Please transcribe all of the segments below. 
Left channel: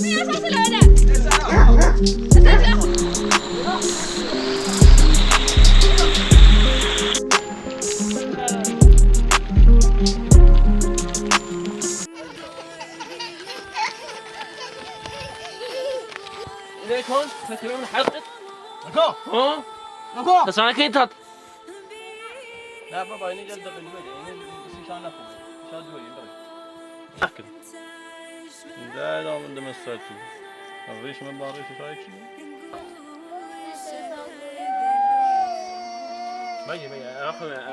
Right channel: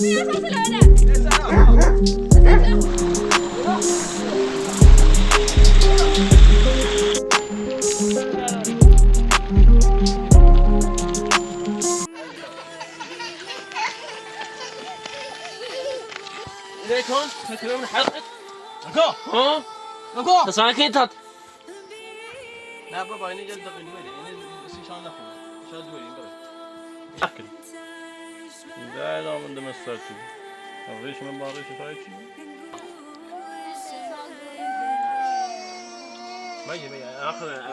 ليكم كثير من حلقك ها نكو تسانكين تات لا بابا إني جلد قلبي إني بس شان أخو شاد دوي يبغى أكل لا لا من دم السرتي أوريش من باريش فايكي ماجي آخر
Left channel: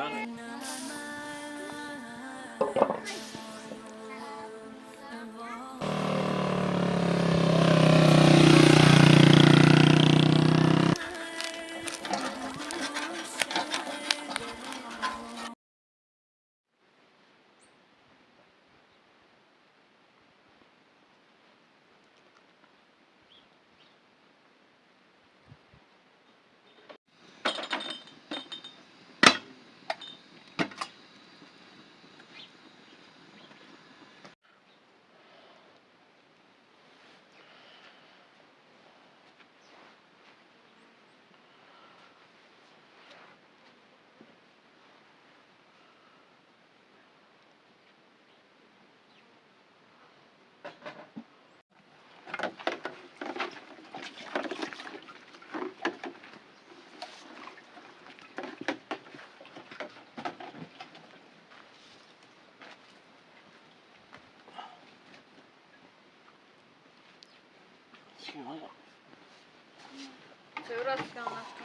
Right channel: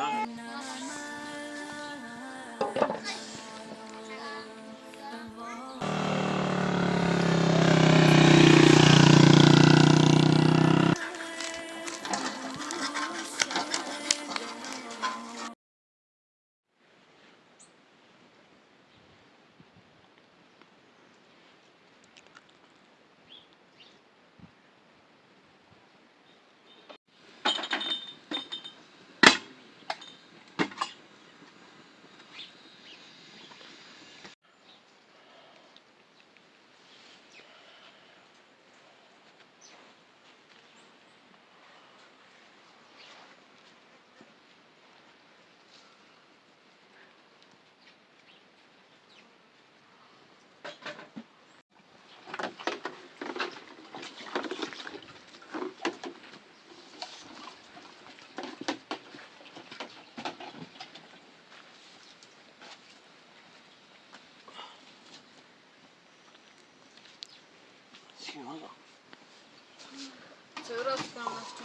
Seguro que não gosto.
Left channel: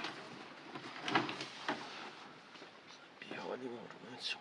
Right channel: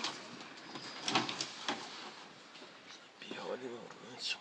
بيا ولي ما نشوف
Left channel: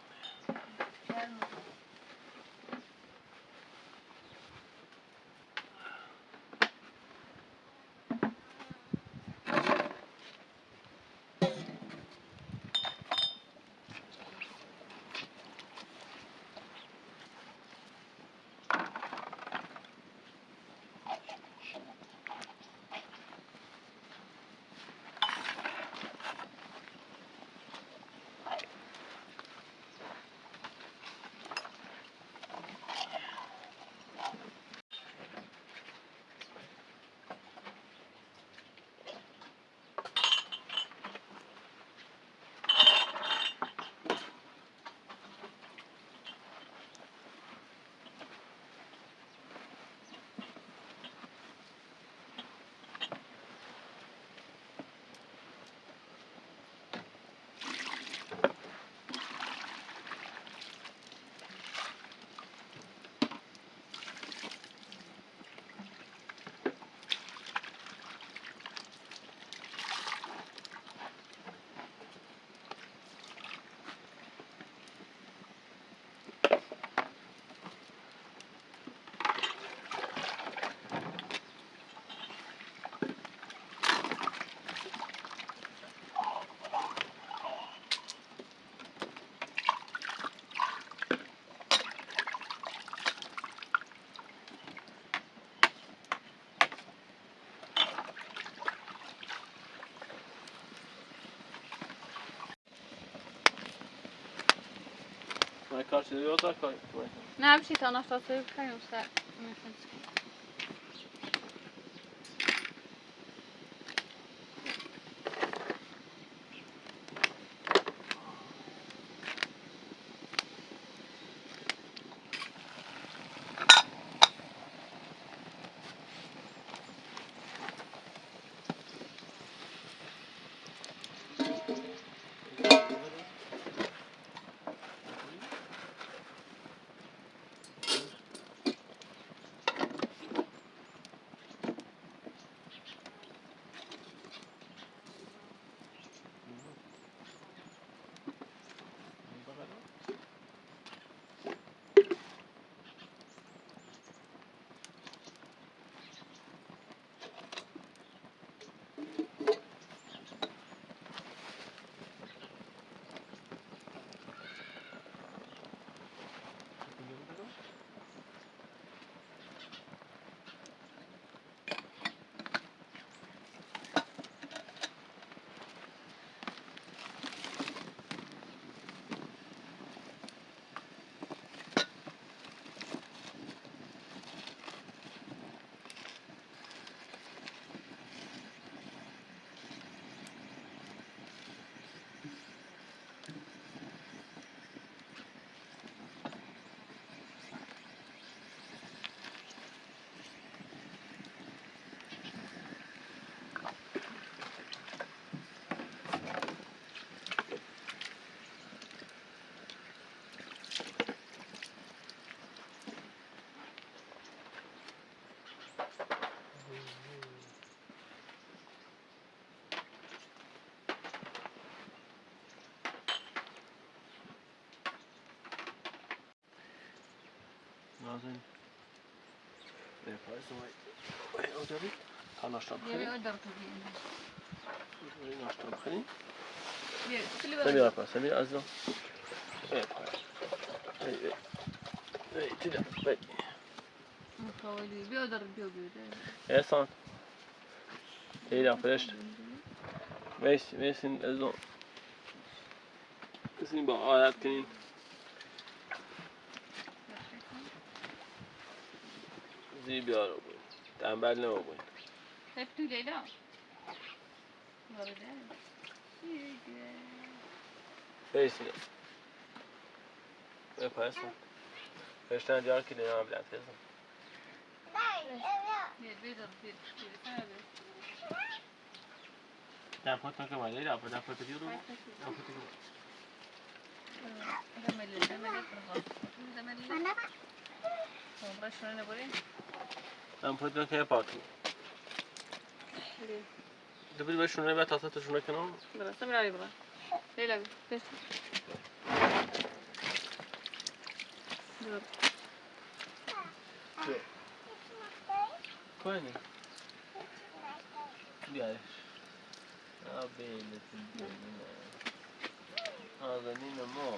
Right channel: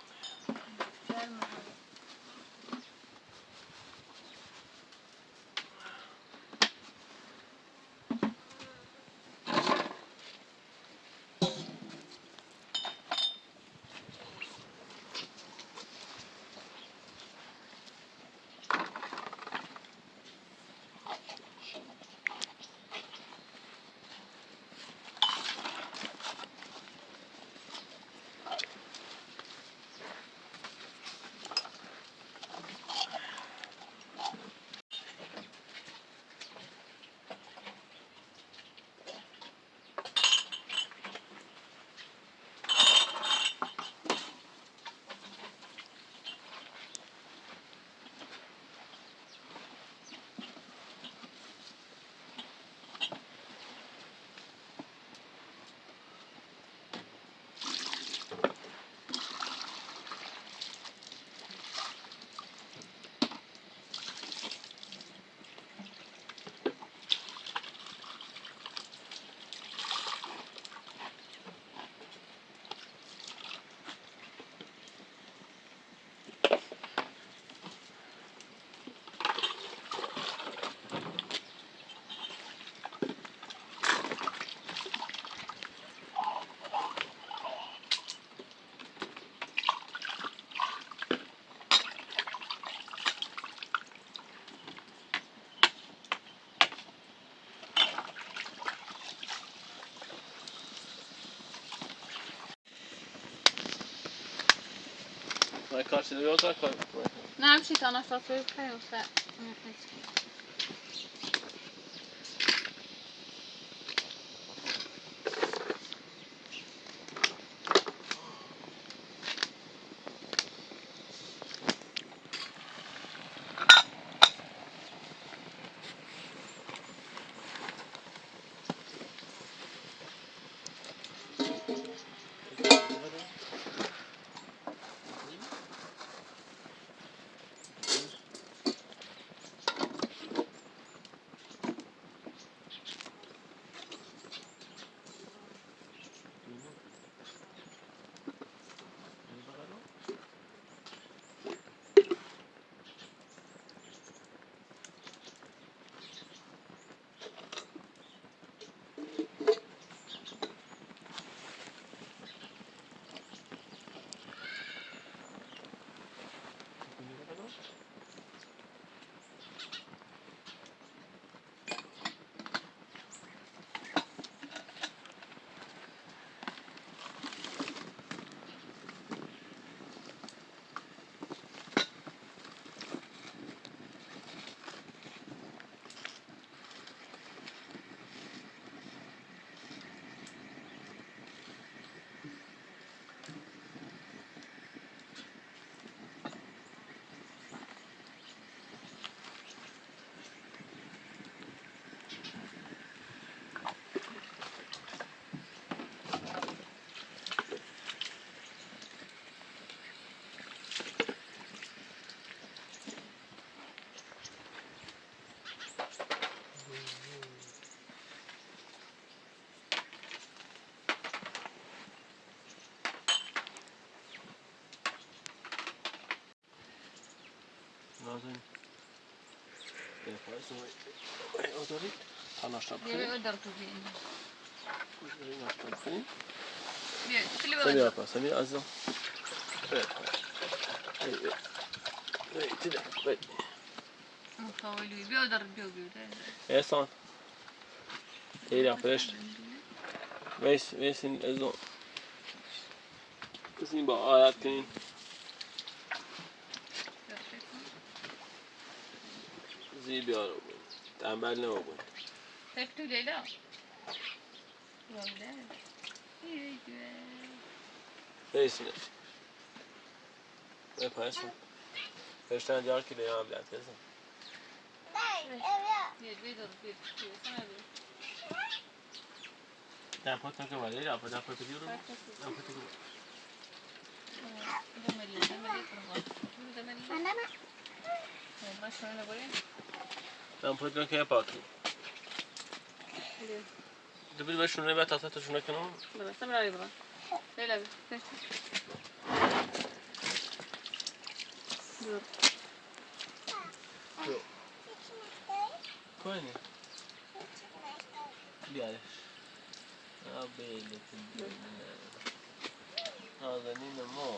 ما كارش اليوزا كار نه همچی تا نفت روی بخریم سر نازنین فرض وای دارید تا ناشتا بخورید در تو بیم. ناشتا بخورید بیا سمیر اپا سمیر عزیزم خواهی بیا در بیا احسان تیرا فرشت ویسین عزیزم بسین با آیت کنین زی بیارو بود تنبل نمو بود تو لیلا وارده ویسین بپایستم فرشتن دیار که لیلا هم بیاد کزم بیا در پاتون که باید در پاتون که برو در پاتون که پاکی دبیر بشونه به تاسه تشونه کنم برا سمیر علی برا لیلا بیا کوینه بیارش بیلتون بینه نازنین ما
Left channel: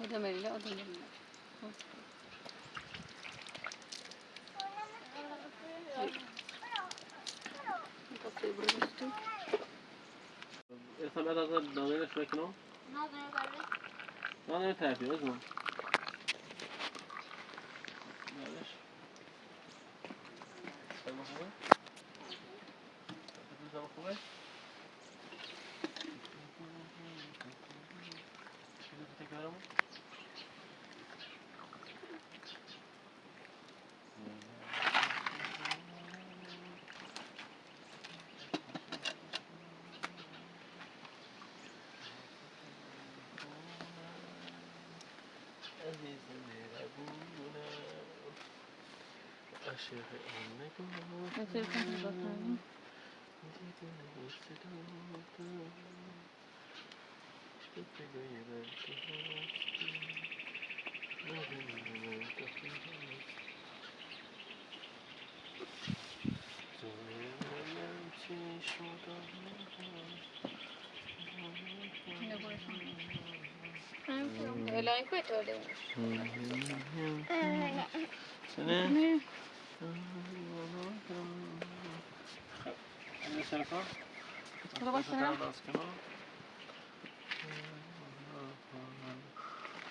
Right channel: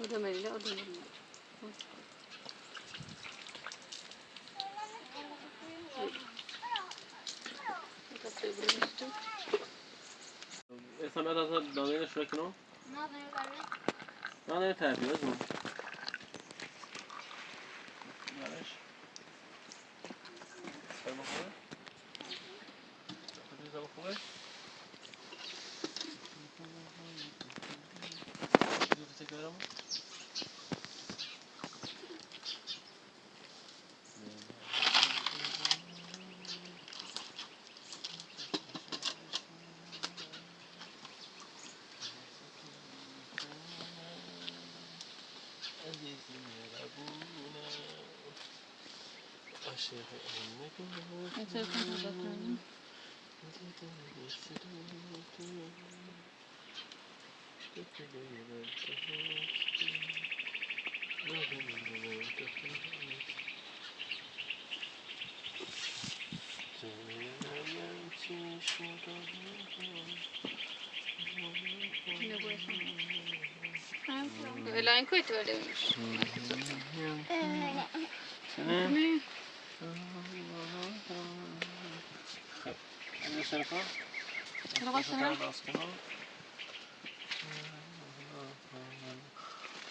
آدم لیلا آدم لیلا اسم بعد از دانه نشونه کنم نه تربیه از من بیارش خیلی خوبه خیلی خوبه دوست دارم عزیز مهربونم عاشق نگاه دیدن صداتم تو که غیرم تو هستی ندونم تو هستی جونم چی شدم لیلا این کوی تو لیمش سنه خب اینو سرکار لباسم باز کنم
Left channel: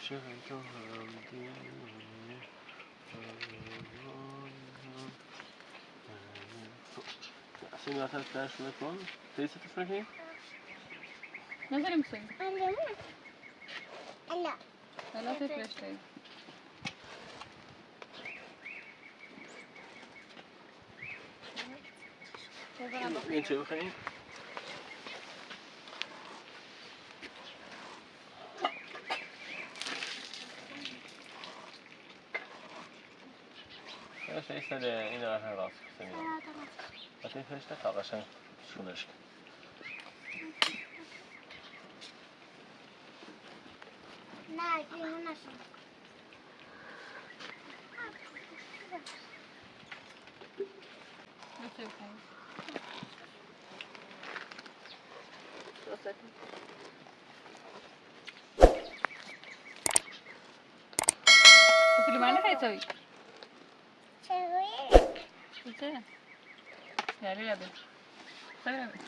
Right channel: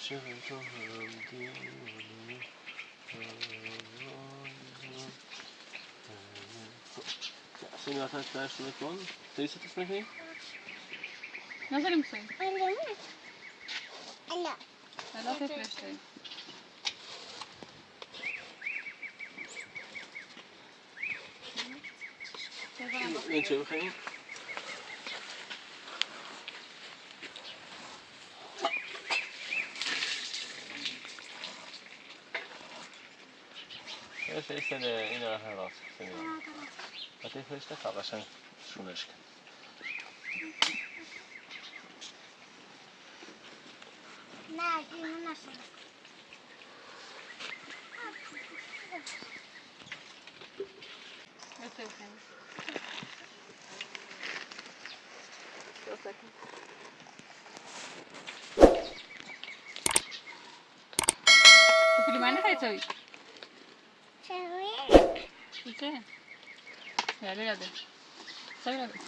چه تو هم دیوانه سنی آتش برشونه کن تریسه تشونه کنی؟ نظر میسوی لیلا تفرشته این چه بخوایی؟ فرشته این رو هم راست سنی آتی فرشته تا قشنگ شونش کن نه اینو نشون نسوی کنی درسته کن تو فیلم نه خیلی سوی چه؟ یعنی نده سوی نده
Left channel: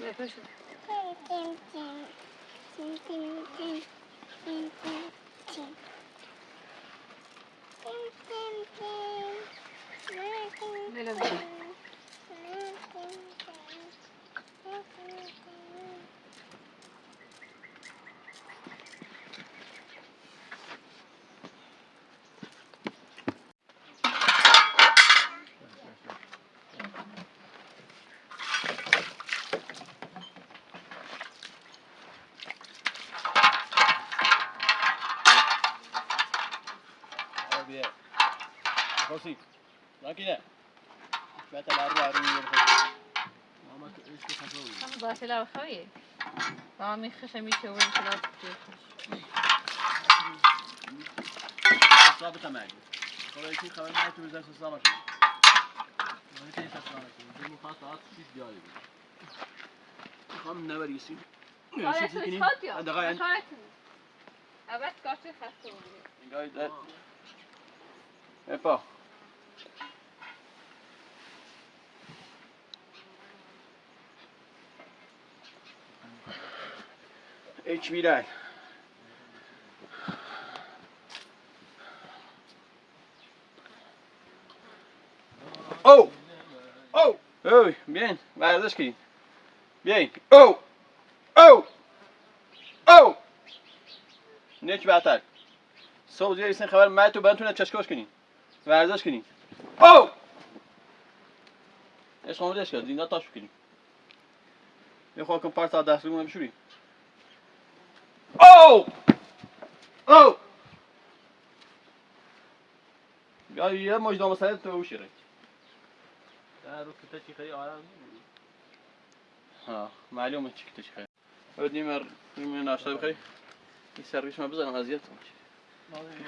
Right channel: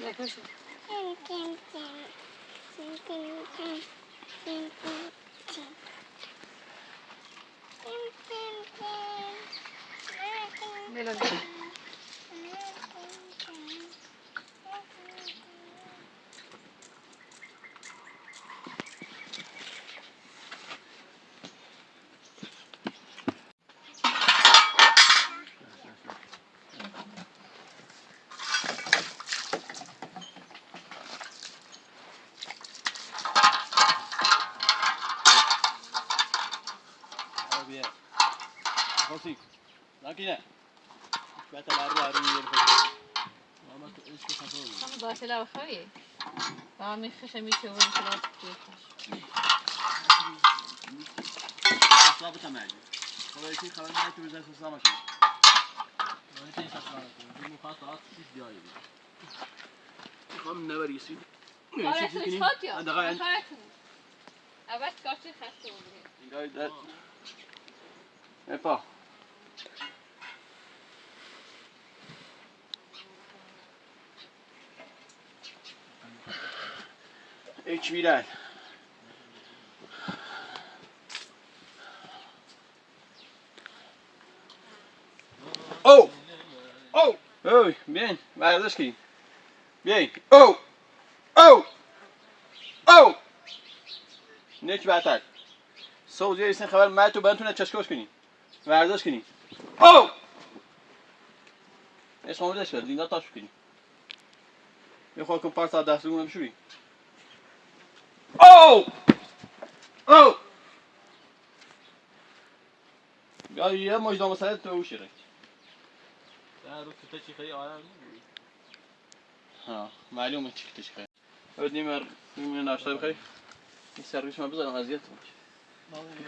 یا پشو لیلا بیا راسي لكن لا بات الأربعة ريال ما إيش تفهم هم باشه لو خویه با میخشه میشه و انشالله بخش ثابت معي خبر شيء خبر ما تبي زي سلامة شيء ما تبي سلامة شيء دي مخاطرات شيء جاي هم نبري يصير آره توش خاطی ها دقیقاً اول کارتی خسته بود جاي ده افا ايش بيلان او او اوي bien برداشت bien او او او نیک بهتر صبح زیر این خبر من تو بنتونه چشکاش کنی ورزش کنی او ايش خمودش کرد دینا تاش کنی یه خود کن پارت دست رو بشوری او او بیا یه مجدام سر تو وشی رنگ رو کته چی خیلی آرام ها معلومه چی کته چی خیلی اود نیمر ناشتا بخیر این سرگیش ما بذارم اذیت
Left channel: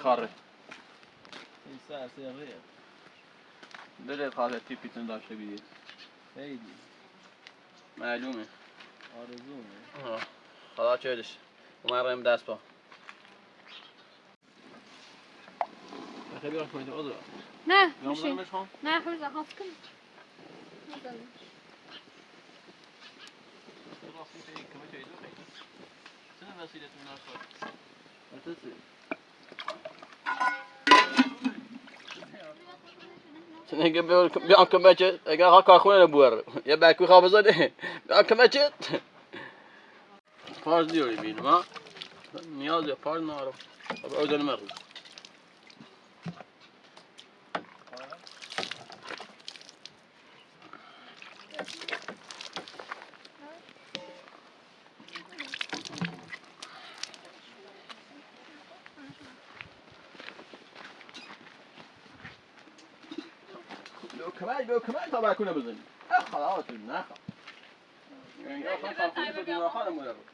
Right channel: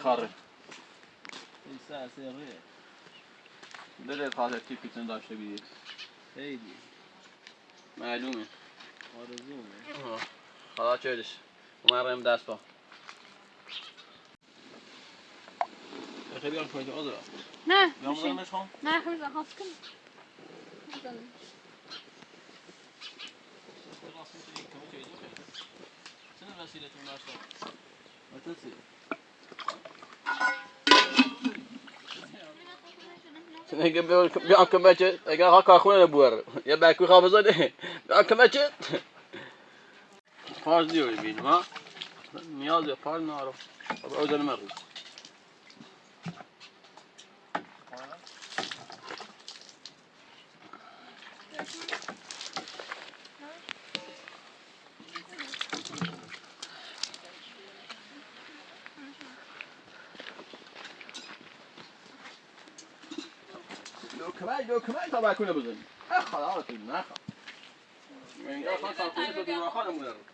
خاره این سر سریه بده خاطر تیپیتون داشته بیدید خیلی معلومه آرزومه خدا چهدش اومد رایم دست با خیلی بیارم کنید آدرا نه بیام میشه بودمش هم نه خوش هفت کن خدا میشه این کمه چه دو خیلی چه وسیلتون ناشتا اتسی سنگه بیام کمه چه اگر ها کارخونه نبوره یه بکوی خواب بزنه بیام کمه چه پارز دیوری بینم ها نیاز به پارز نارم او دل مرد لو كمان طبعا كنا بزن خلاص ناخذ يعني خلاص كنا بدنا خانه مدرب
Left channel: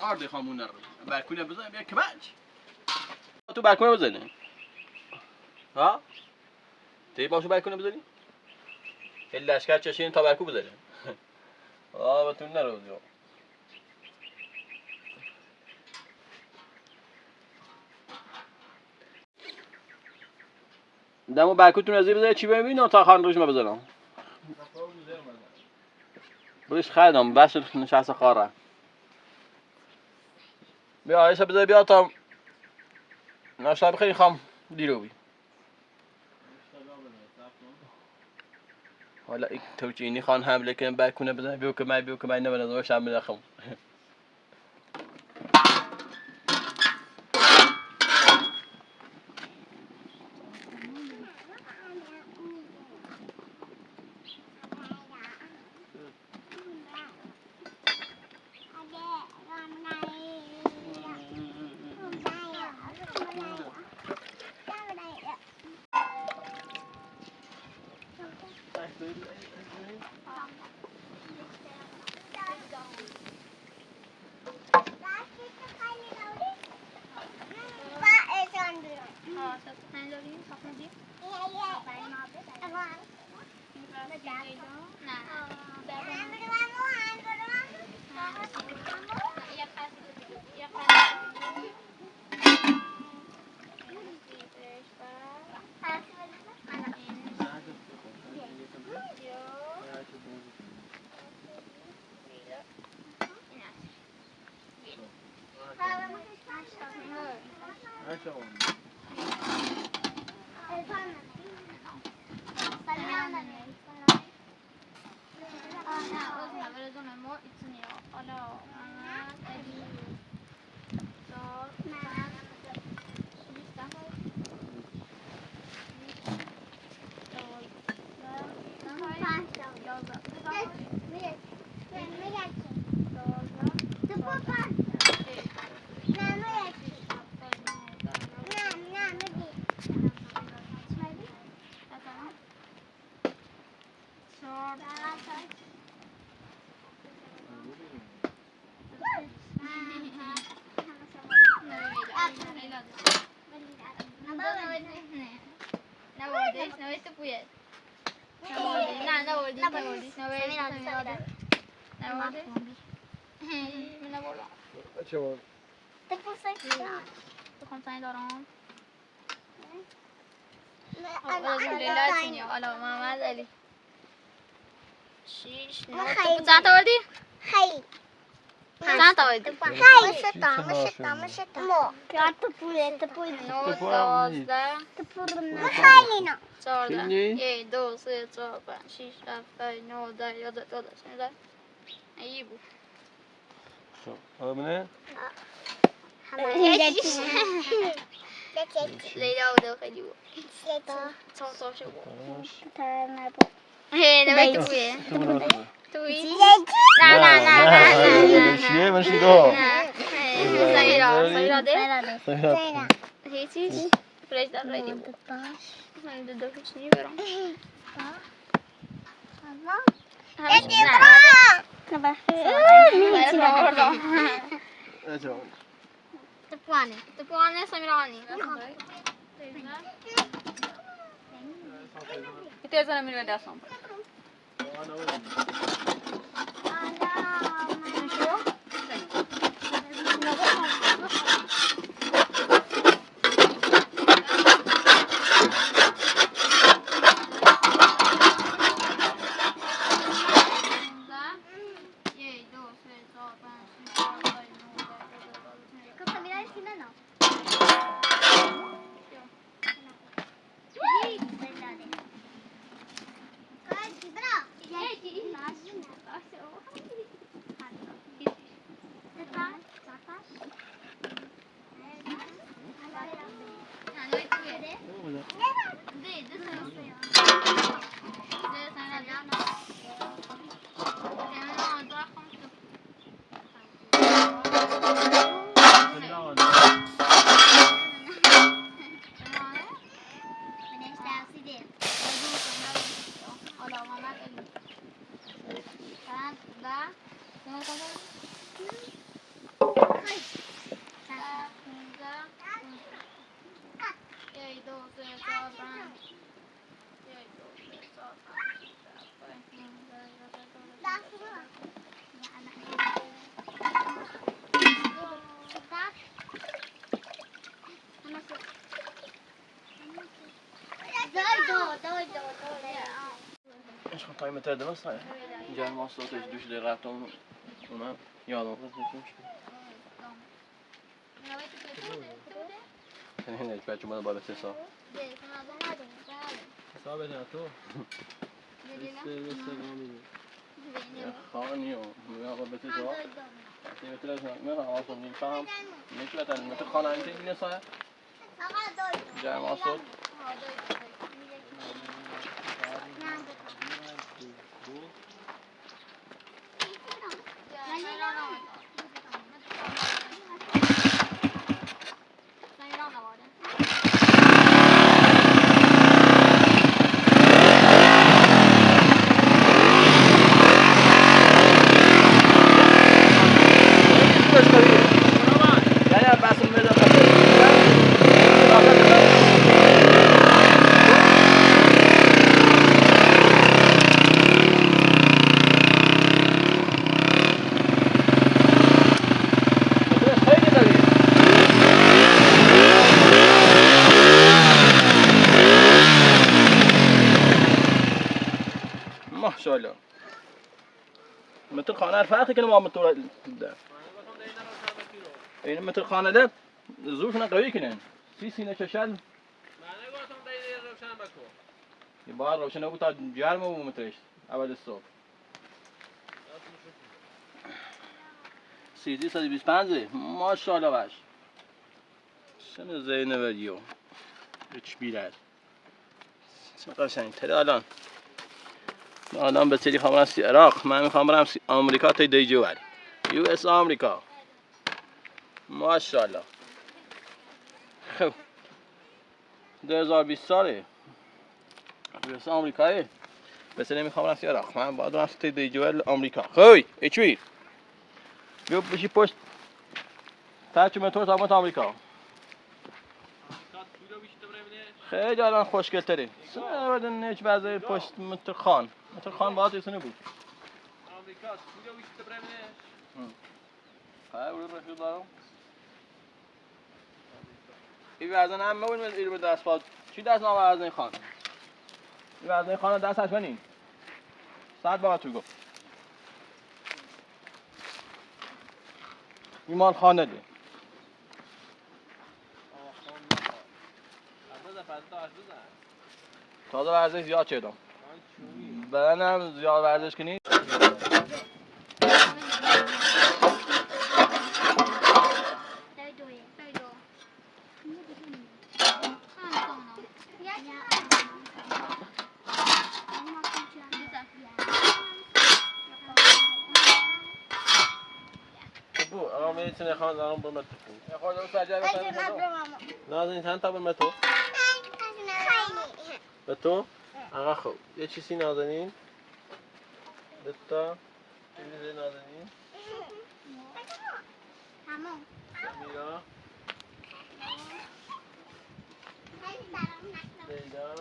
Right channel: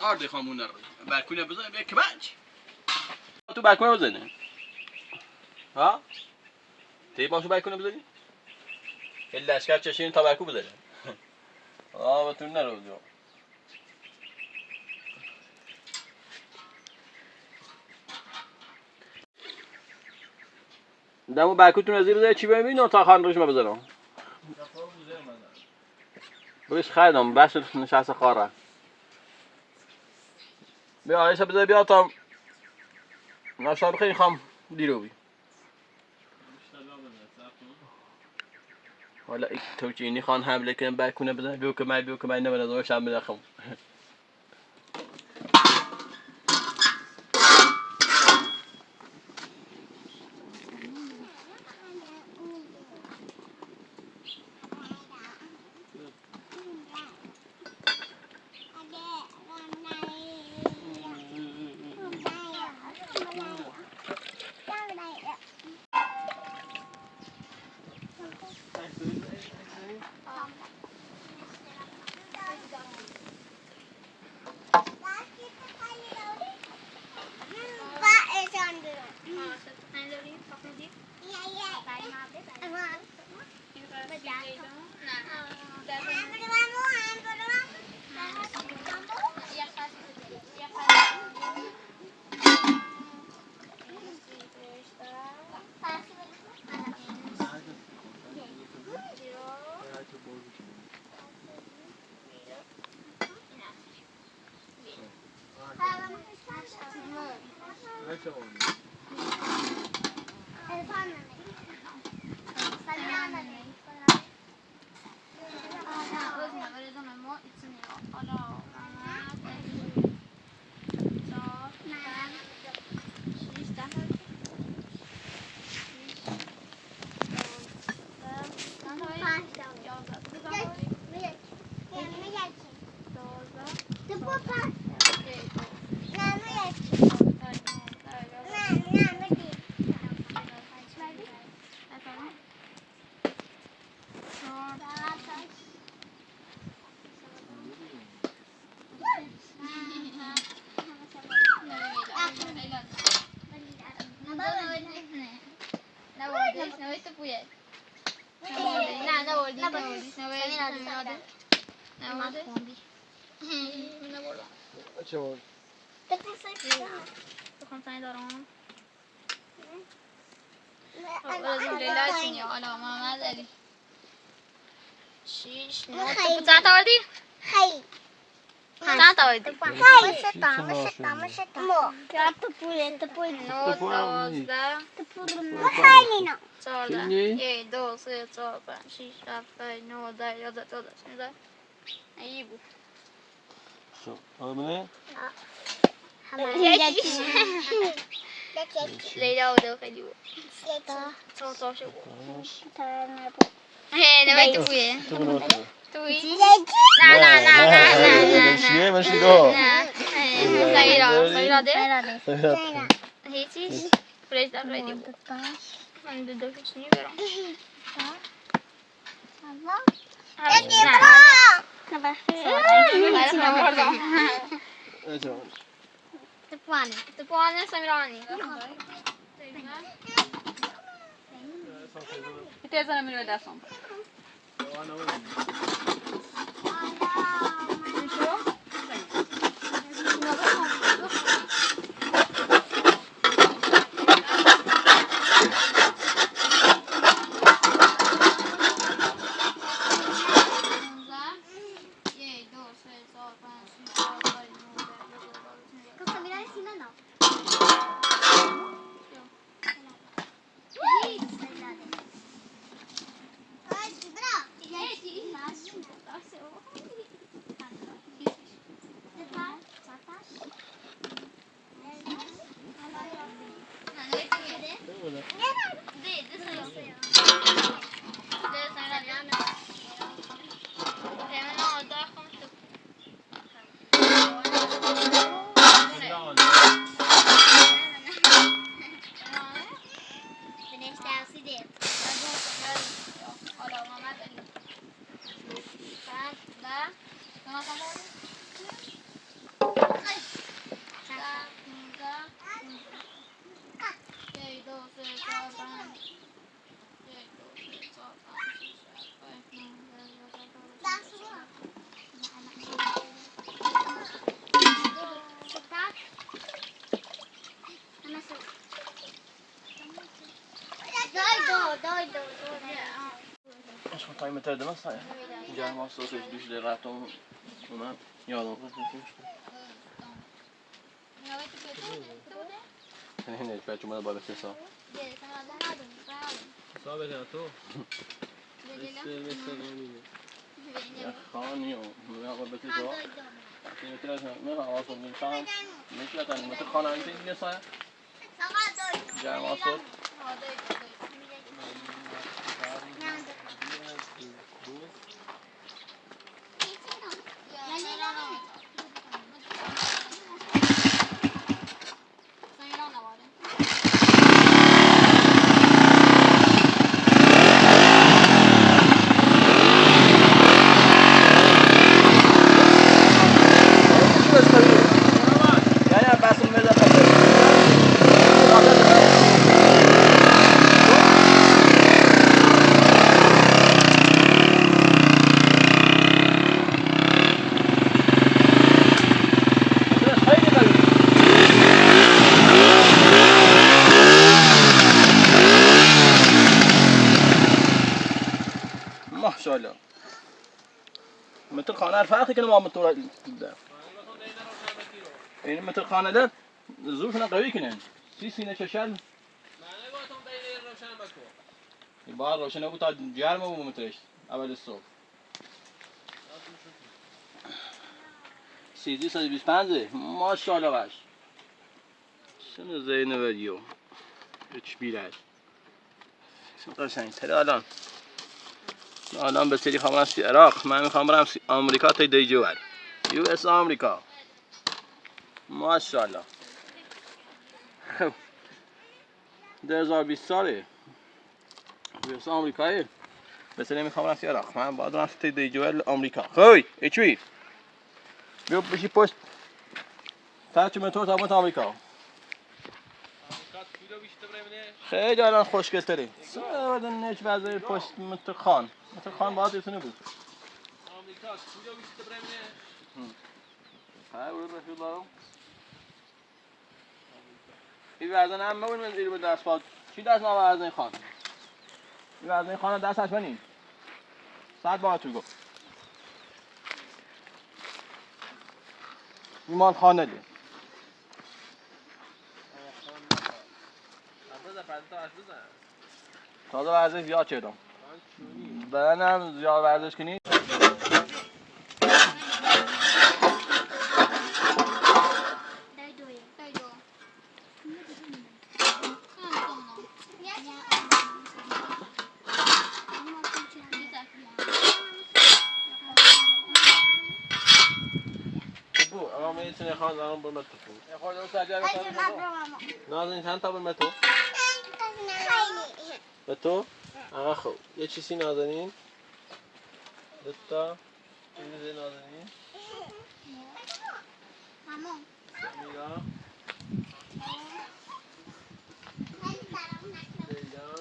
آرد خامون نرد بالكونه بزن بیا کمانچ تو بالکونه بزنی ها تی باشو بالکونه بزنی الا اشکال چشین تا بالکو بزنی بتون نرو جو دمو بالکوتون از بزنی چی ببینی تا خان روش ما بزنم بلش خیدم بس نشسته خاره بیا ایسا بذار بیا تا ناشتا بخیر خام دیرو بی حالا توجینی خان حمله کنم بالکونه بزن بیو که من نبنه دوش هم بدخم نه نماده اینه بردم چه بود؟ بخوام تانی دارم حالا محمد علی 6 9 چند تا بردی؟ خیلی چند تا بردی؟ خیلی نه 14 1 2 3 4 5 6 7 8 9 10 11 12 13 ای بود آمنه؟ لیلا بوده خیلی بود چند تا شو بود نباید تو بویه تو منو بسه توی؟ نه نه چیه باشی دو سیراده هیچیش فرش در خیلی بود من دو هیچ نیبرم تپوانه سمیرانی تیزا نمیره دستم ايش كنت طيب متى ده صحيح جاي مع الصوت يجيش لي راتهم تمام يلا هنا يبقى جمله بابا تسا صعب نه تو يا خاني يا بابا تسا مثلا ما اصلا من فهم مثلا مثل خانه انت اللي صاير جاي مع الصوت ما شاء الله مثل خانه الفاخي كانوا ما مطور يعني مثل خانه ده ظروفنا قوي كنا سينا ششال يبار روشن ابو تاع جار ما هو متريش اول الصوت سيدي سيدي بيسبانزي ما شاء الله باش شنو زين فيديو ايش بيلاش قشنگ تره الان به سری خبرم سی عراق من میخوام برم آمریکا تا دی جوال یو اس آمریکا ماشاءالله خب 2020 ساله یو اس آمریکایی به سری میخوام برم سی عراق من باید برم تا دی جوال آمریکا خوی ایچوی بیا بشی پشت ترچ مترو تا آمریکا خیلی الان خوشگل تری سوادن نش وضعی پشت متر خان باید ایسونه بود آمریکا اینجا بیشتر برمونه ها وين رفيق دارم این وزن هم ببین من ایرو به دست پاد چی دست ما وزن خان این وزن خانه دستش بنین ساعت با تو گفت ایمان خانه دی تازه ورزش زیاد چیدم بدنم زیاد ورزش کنی بو اما میتونه خان دارم برم تو خود رو ساجا نازنین چند تا برم تو به تو آقا خوب یه چیزی نازنین دتا چیزی نازنین میرا لیلا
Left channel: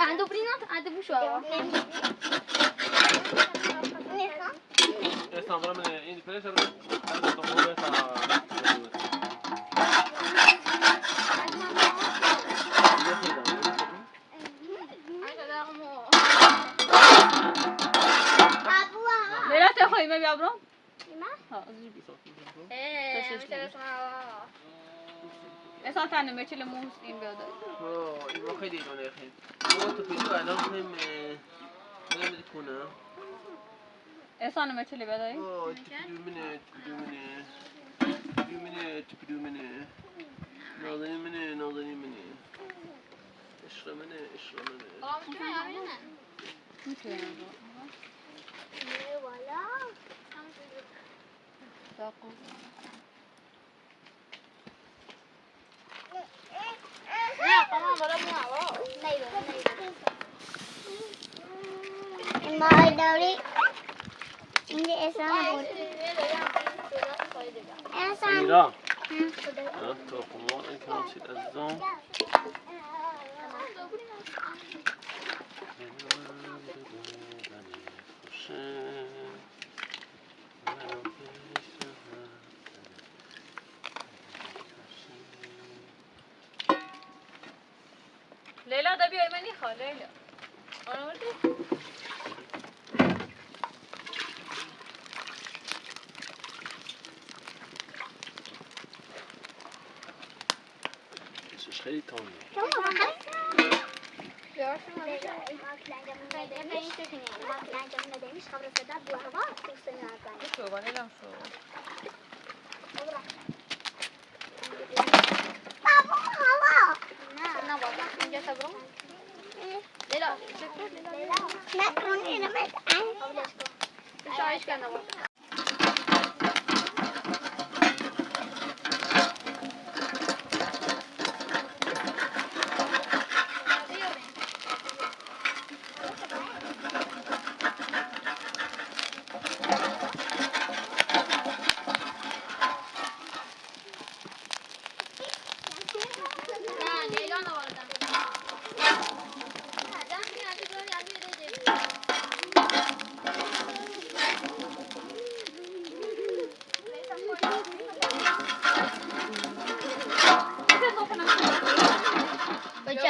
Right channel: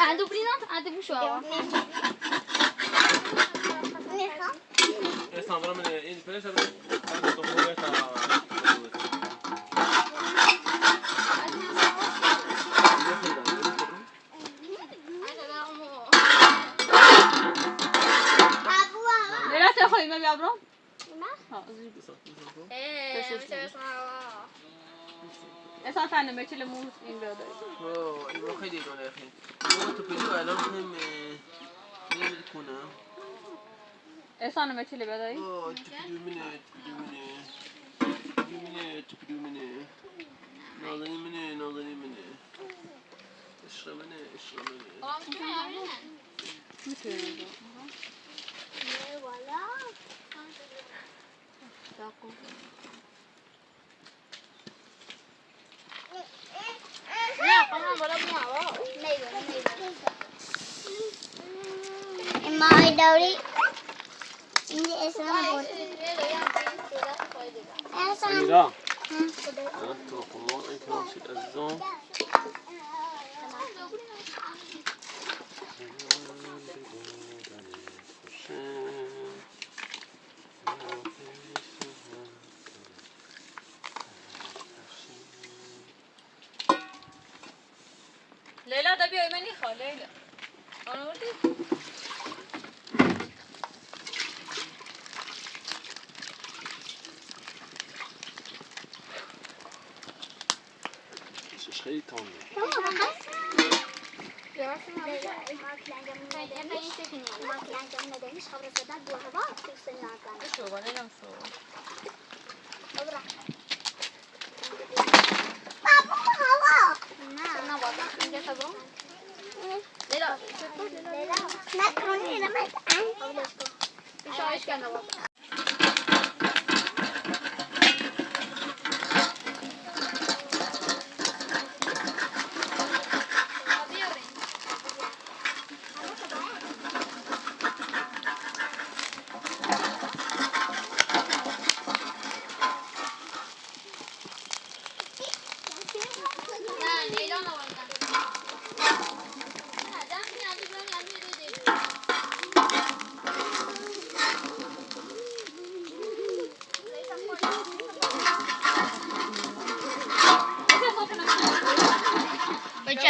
عنده بريزنت عنده بوشو اسمع برام من این پلیس هم عندي طموح ليلى تاخذي ما بيعبرون؟ ها اصلا فعلا ما تشيل مو مسكين بيضاء يبغى خيدي يا اخي لو تبيعوا انا مهم وين بتكون اصلا ما تشيل بيضاء تكدو مني ناظرين مني اشرب مني ما دوري عندي اسامه بود اسامه لا انتو قمون ان كان شيء الزوم ليلى ده بيا مني خال ليلى انا ودي مش خيطان شو بقى لهم شو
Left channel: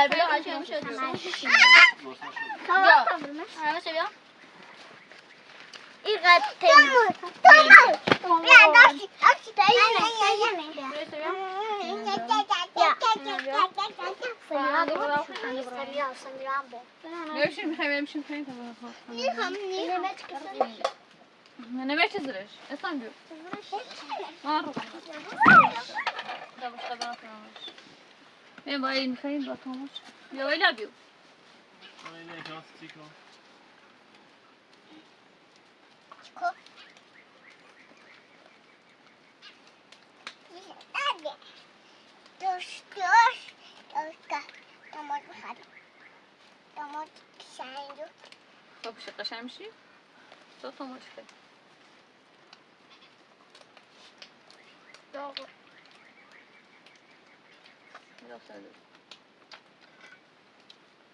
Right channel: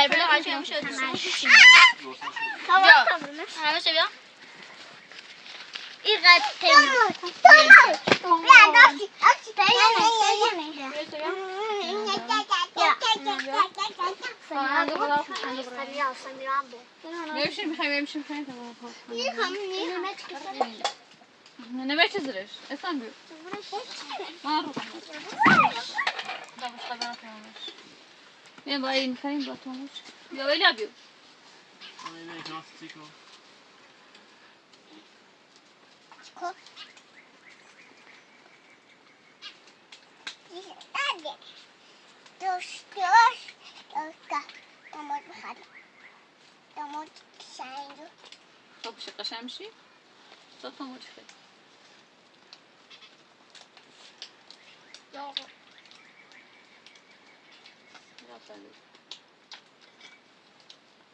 بلا عشان مش هذا انا مش بيا يمشي محيم يمشي محيم انا ما تزرش اصلا بيو ما اروح ده مش قادر افهمش يا باي محيم بطومش يا ويلا بيو Yeah. درست که داماد بخواد داماد شنگ رو تو بشه قشنگ میشی؟ تو موچ خیلی داغ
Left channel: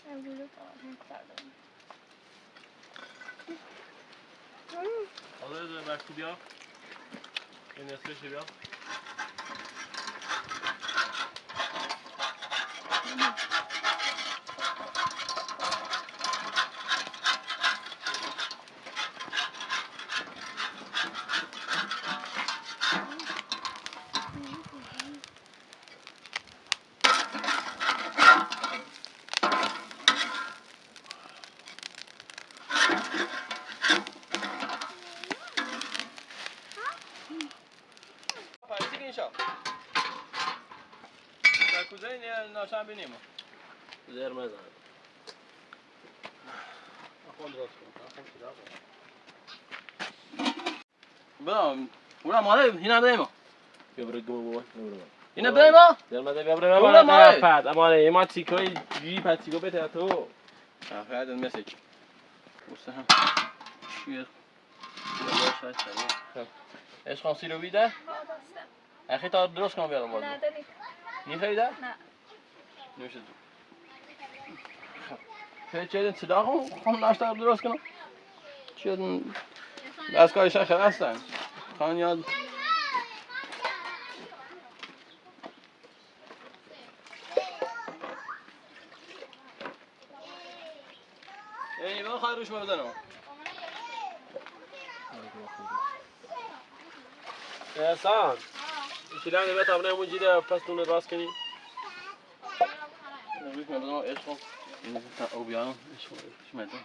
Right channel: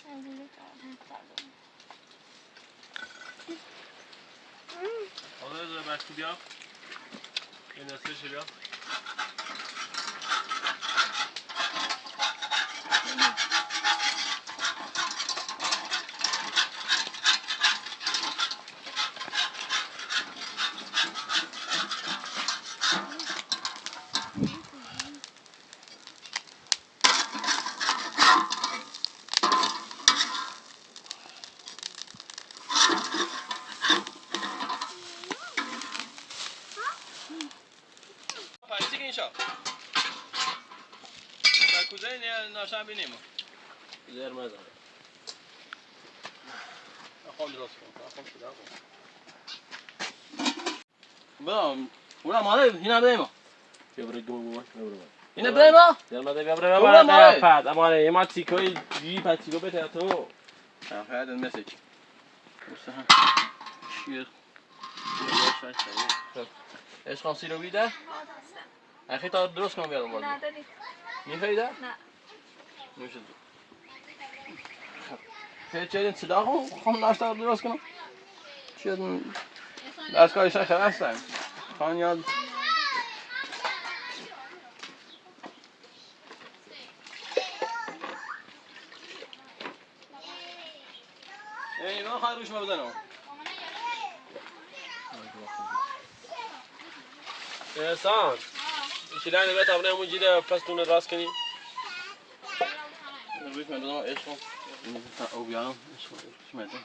امروز کردم حالا یه وقتی بیا این نصفش بیا پاییزی که اینشا در کجای ناشم بینیم زیر مزاره اخوان درست کنم اخوان پیدا کنم برا ماله اینا بدهیم ببره دون بابا اینا بدهیم در مده ببره ببره ماله بعد اماره ما تیکای جی پتیکو بده تو هذا المسج ايش خمسين وبيدا؟ اخي تا درست کنم بیارم باز نه دارید میخوایده؟ نه نوشه خیلی چه این صدا خم ناشتا درست کنم چه دستگاهش خیلی هستن خان یاد یعنی من خواهی روش مبدنم احسان شیلانی به تابنه موجوده پس تونه راست کنی روش مبدنم عشق او بیارم عشق مبدنم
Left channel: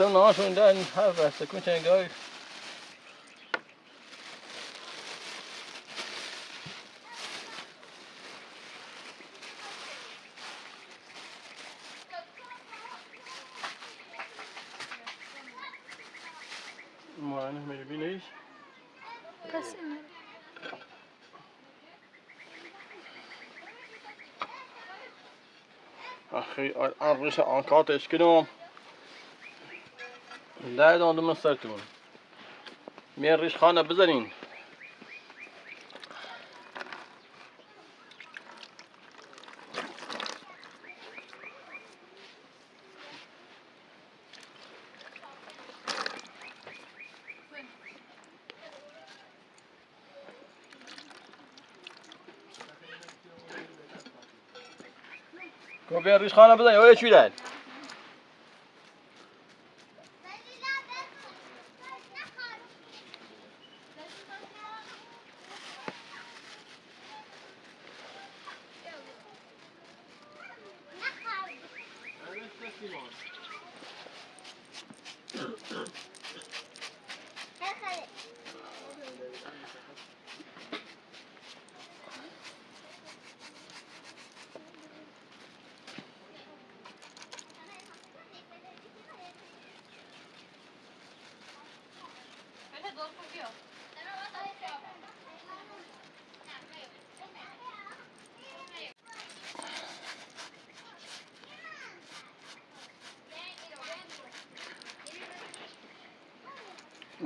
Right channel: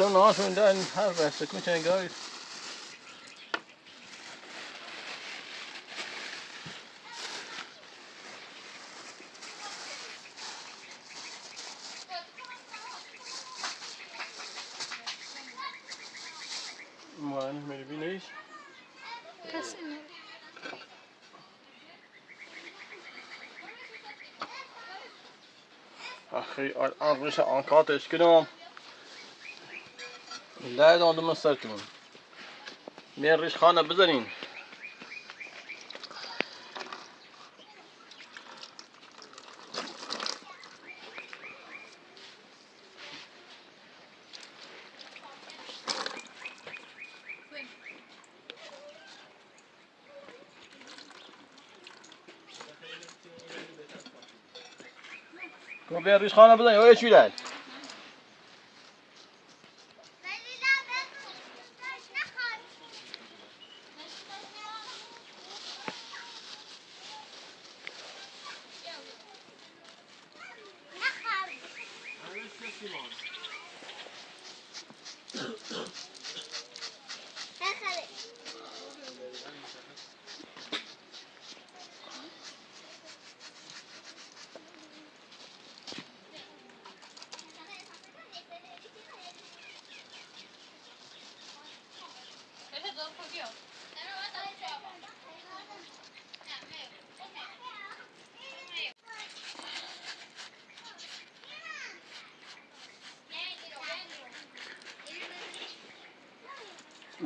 Então nós andando harvesta com chegou. Mano, me vinéis. Akhi, arrisha aankaart is gedaan. Daar dan de mosterd doen. Meer rish gaan بزنین. Kom weer rish gaan بزنین. Hoe is jullie?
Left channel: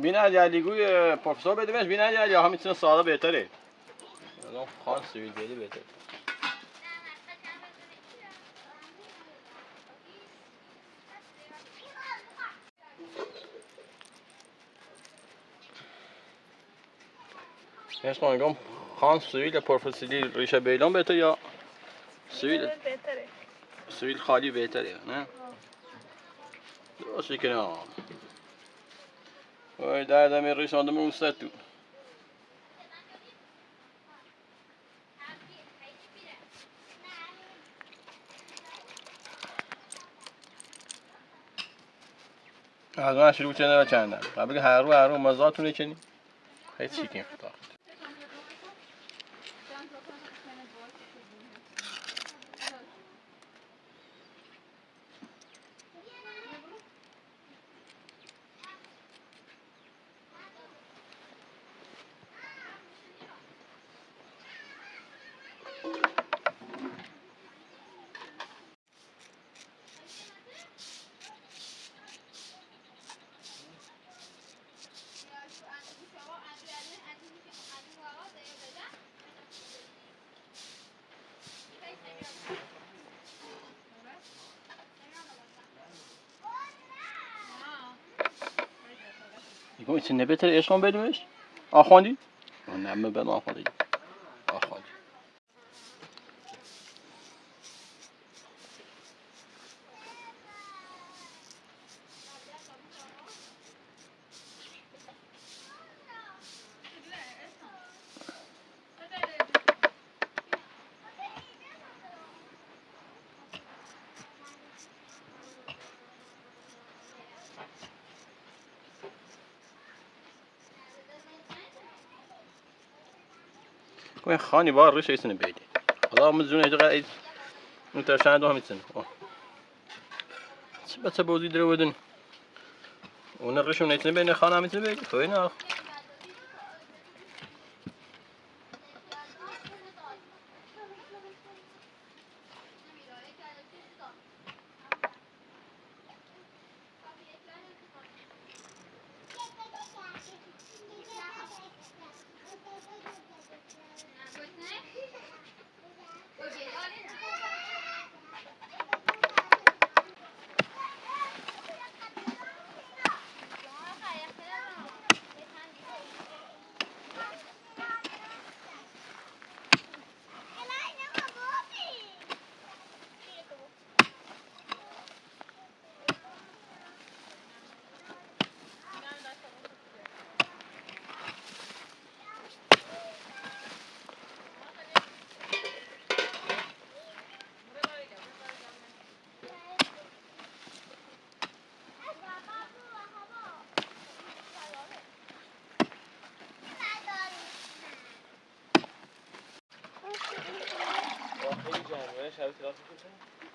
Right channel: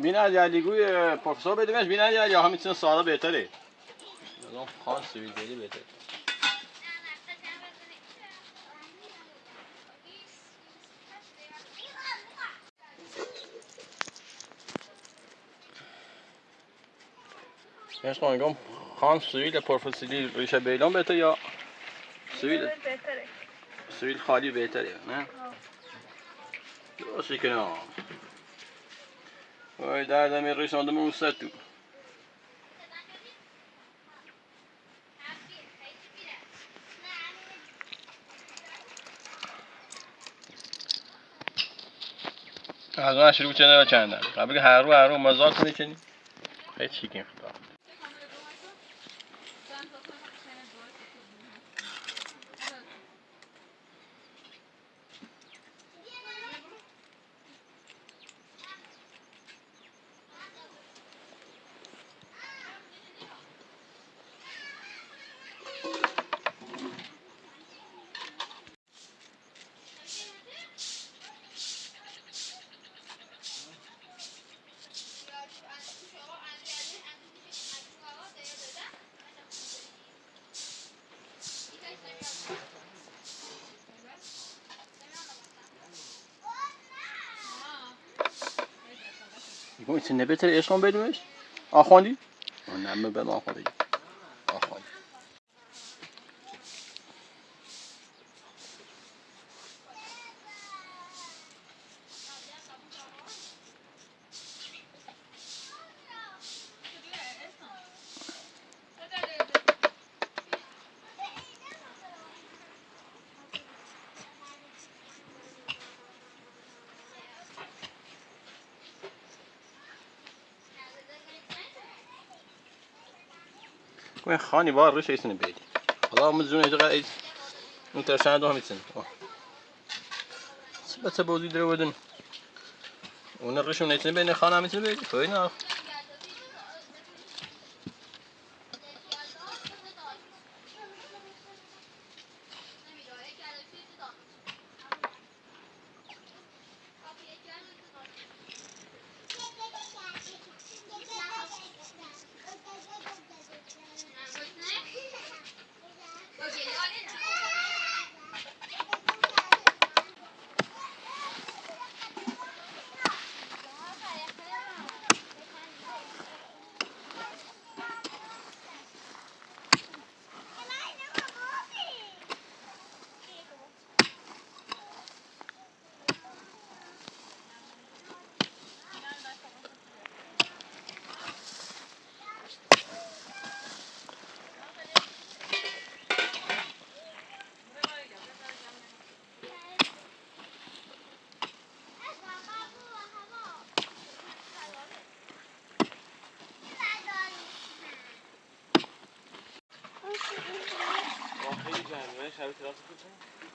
بینا جلیگوی پروفسور بدیمش بینا جلی یا همین سالا بهتره. الان خاص سویدی بهتره. ايش قاعد خان سويل پروفسوری ریشه بیلان بهتره یا سویل بهتره سویل خالی بهتره نه؟ درسته که نه وای دردم ریشاندم اون سر تو. از من شروع چنه و چندن قبل هر رو مزاق میکنی خیلی چیکین خدا Bu için ne beter eşon bedmiş? Ahandi? Ne mi ben ahandi? Ahandi. وين خاني بار ريش يسن بيدي والله مزون اجا قاعد انت شاهد وهم يسن بس بوزي درودن ونرش من يسن بيني خانه مثل بيدي فين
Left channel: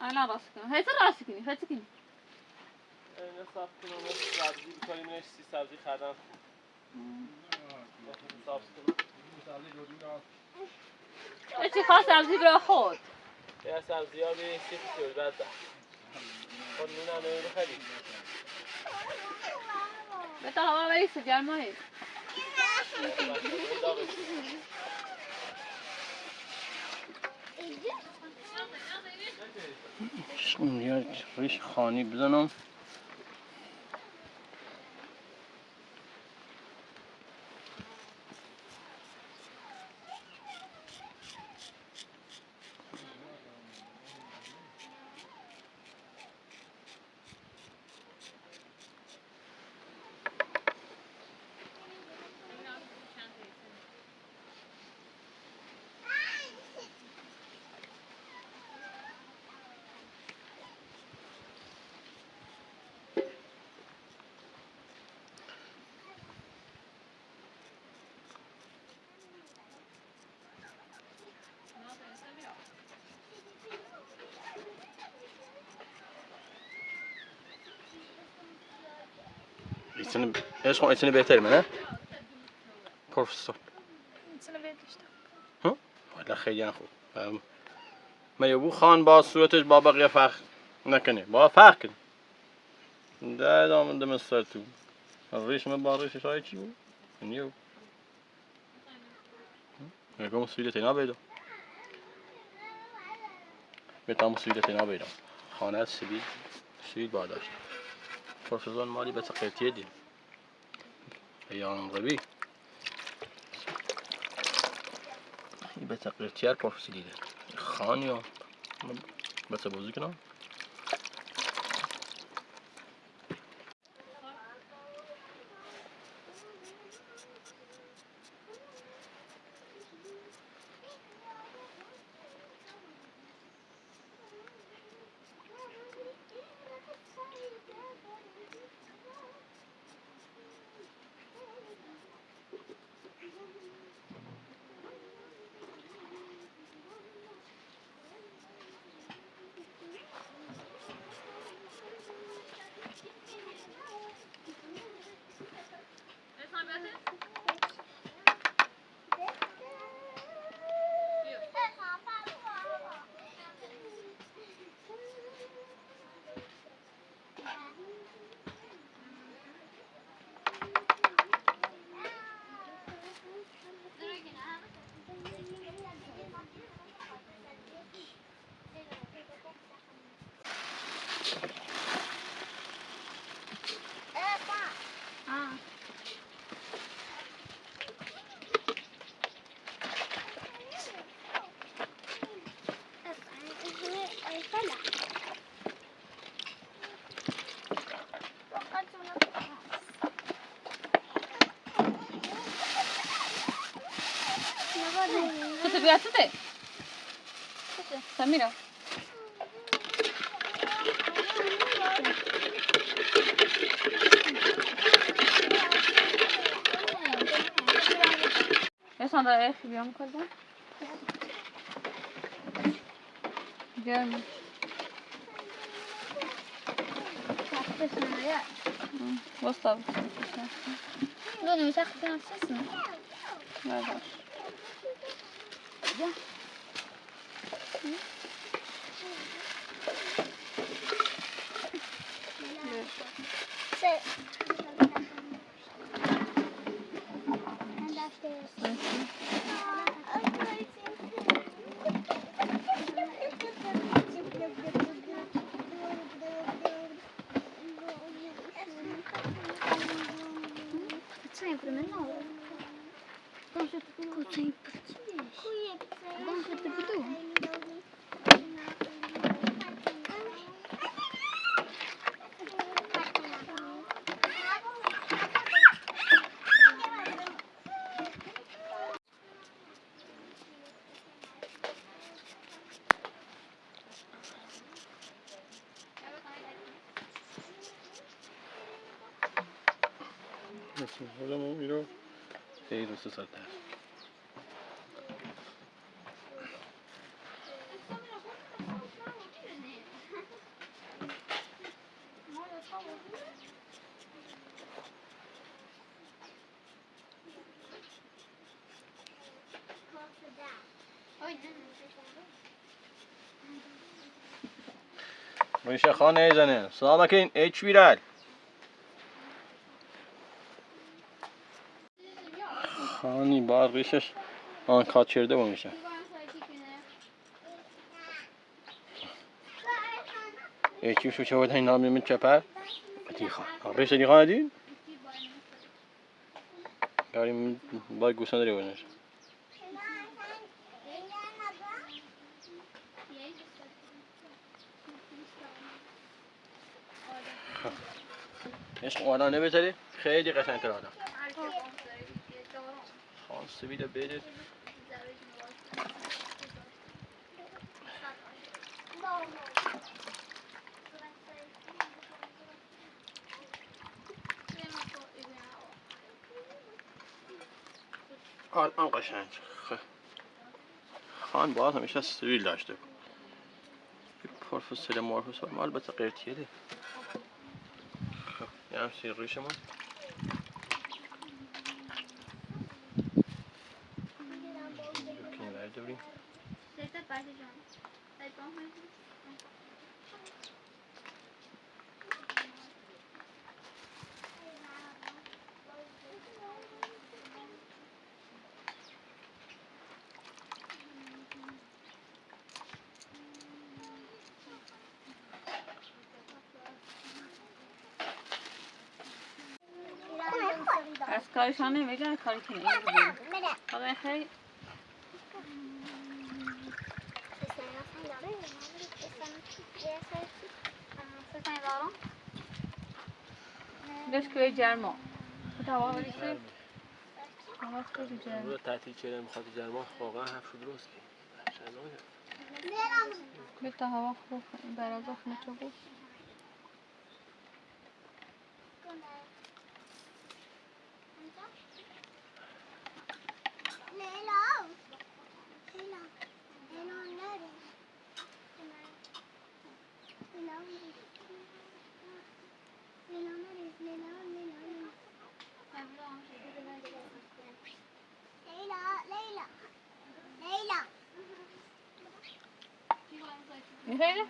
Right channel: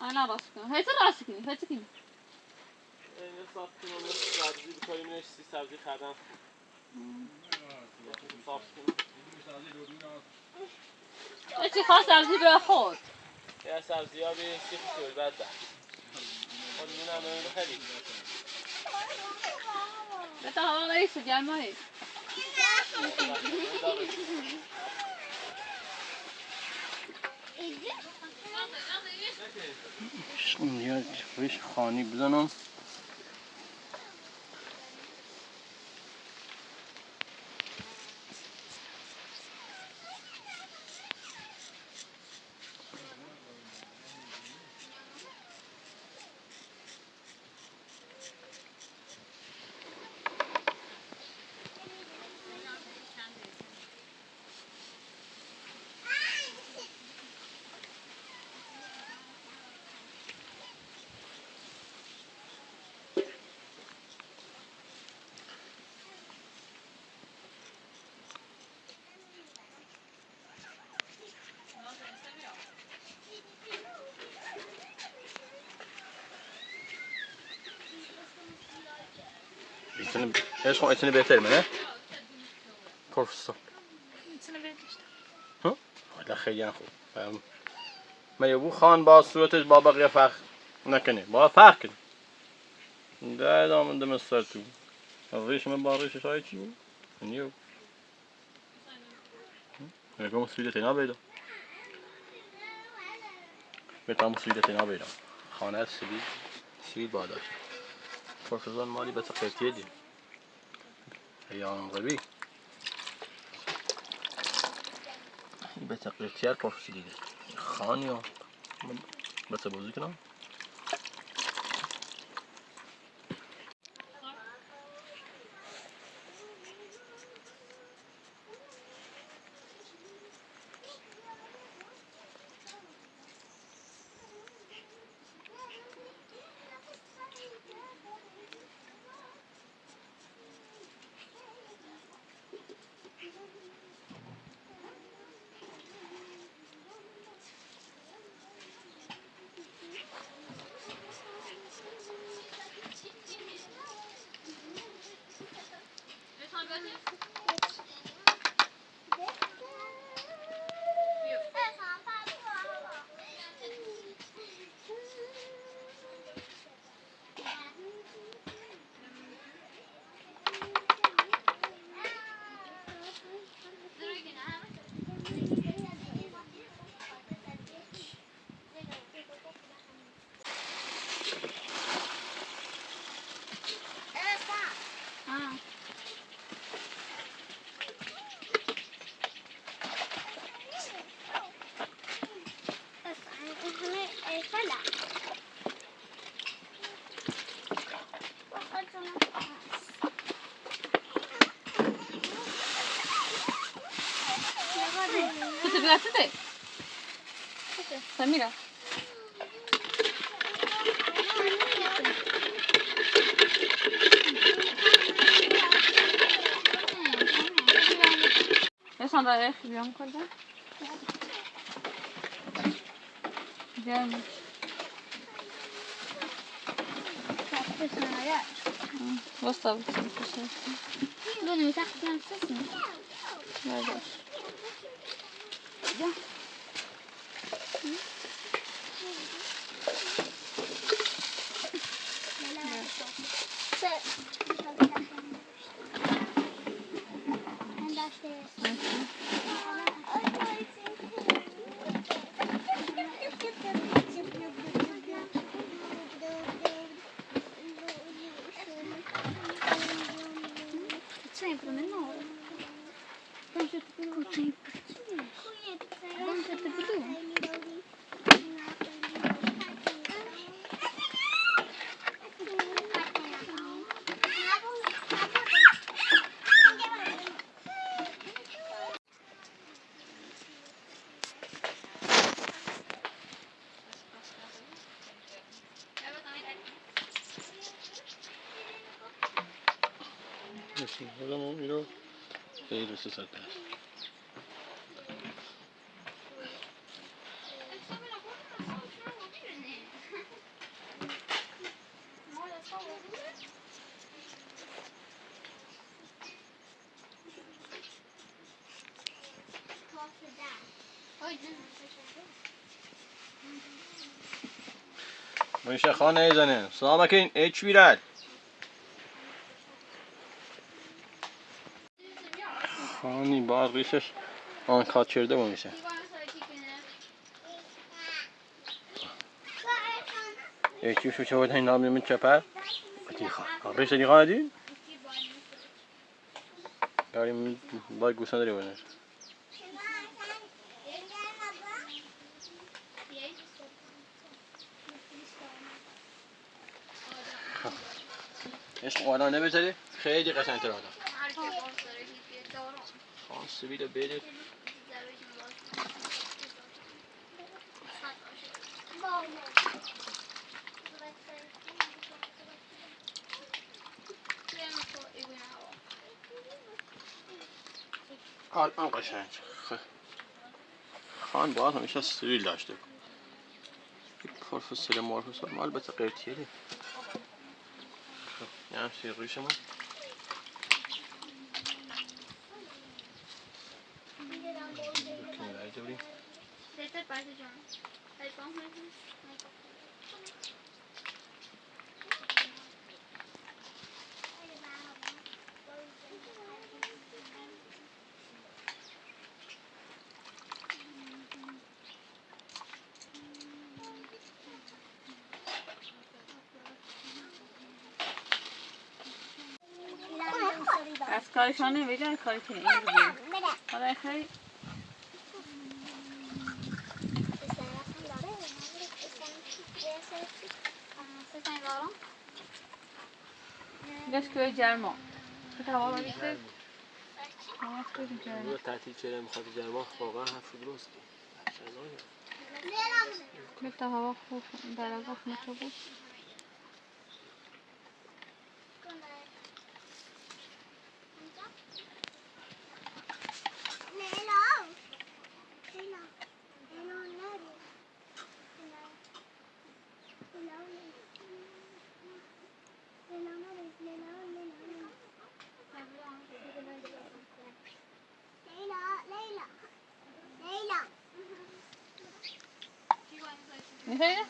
انا راسكم هي راسكني هي تكني اینه صاف کنم سبزی بکنیم نش سبزی خردم صاف کنم چی خاص سبزی برای خود یه سبزی ها به سیخ سیل بد ده خود نونم نمون خیلی بتا هوا رئیس جمعی یه ریش خانی بزنم İçini beter mi ne? Profesör. ها؟ ولا خیلی خوب. ما یبو خان با صورتش با بقیه فرق نکنه. با فرق کنه. ده دامن دم سر تو. ریش من با ریشش های چی بود؟ نیو. نگاه مسئولیت اینا بیدا. بهتام مسئولیت اینا بیدا. خانه سوید باداش. پرفسور مالی به تقییدیه دی. یا غبی. به تقییدیه پرفسور دیده. خانیو. بس بازی کنم. كنت بيعتدي سميرة ايش هذا ايش اليوم كله؟ جامد وسط لونه يتاخد نفسنا ما ادري sempre menor. Dança tudo sempre. Dança tudo. خودمون میرو خیلی دوست دارم. میشه خانه زنه سلام اکین اچ بیرال خانی باقیش آن کاتچرده بود میشه اچی شو چه این نامی من چپر دیخا آبش دیخا دی داریم باید گوسنه داری بودنش عشق والا نمیذاری خیلی قشنگ تر آدم خاص بیده بده الان قشنگ خان باز همیشه سویل داشته پروفسور مارفوس ما البته قرتیه خب یه همسی روی شما کنی برای دوریم از کارشان نمیگه کاری کنه این رو بیم حالا خیلی داشت که جرما هوا بریسه هوا خیلی جرما تعطیل چرا میخواد جرما واقعا حرف درست بیتا هوا خوب در از اخ نچه بود میخوایی؟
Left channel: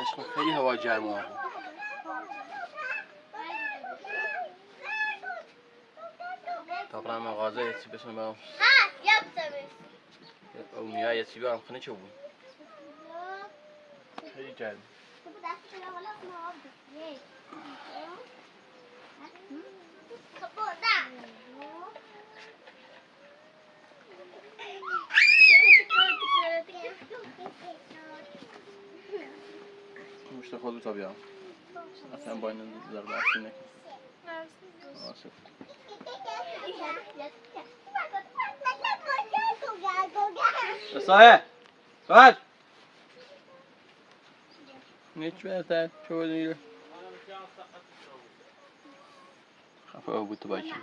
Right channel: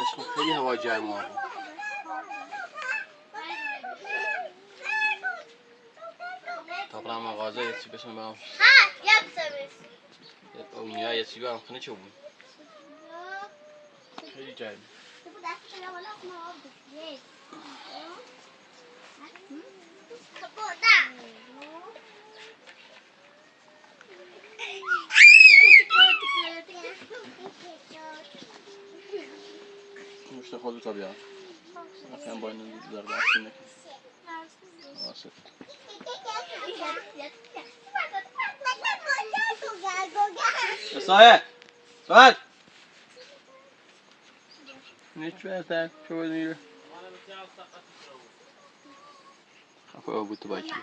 عشق خیلی هوا جرما طبعا مغازه یه چی بسیم برام اونیا یه چی برام خونه چه بود خیلی جرم مشت خودت بیا اصلا با این زرد افشین نکن آسف. سایه سایه نیچ بهتر شو دیگه خفه بود تو باید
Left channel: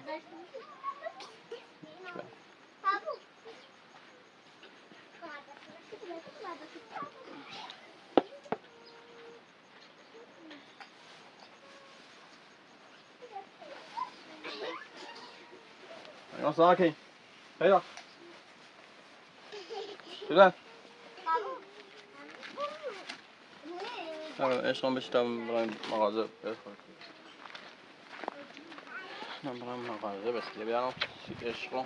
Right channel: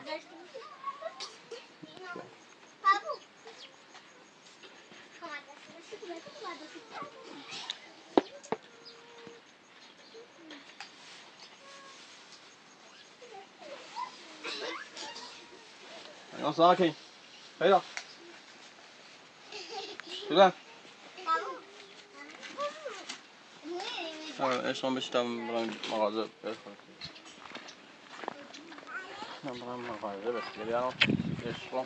یا ساکن پیدا شده اشتم بشتم برایم مغازه بخورم من برایم مغازه بخورم اشتم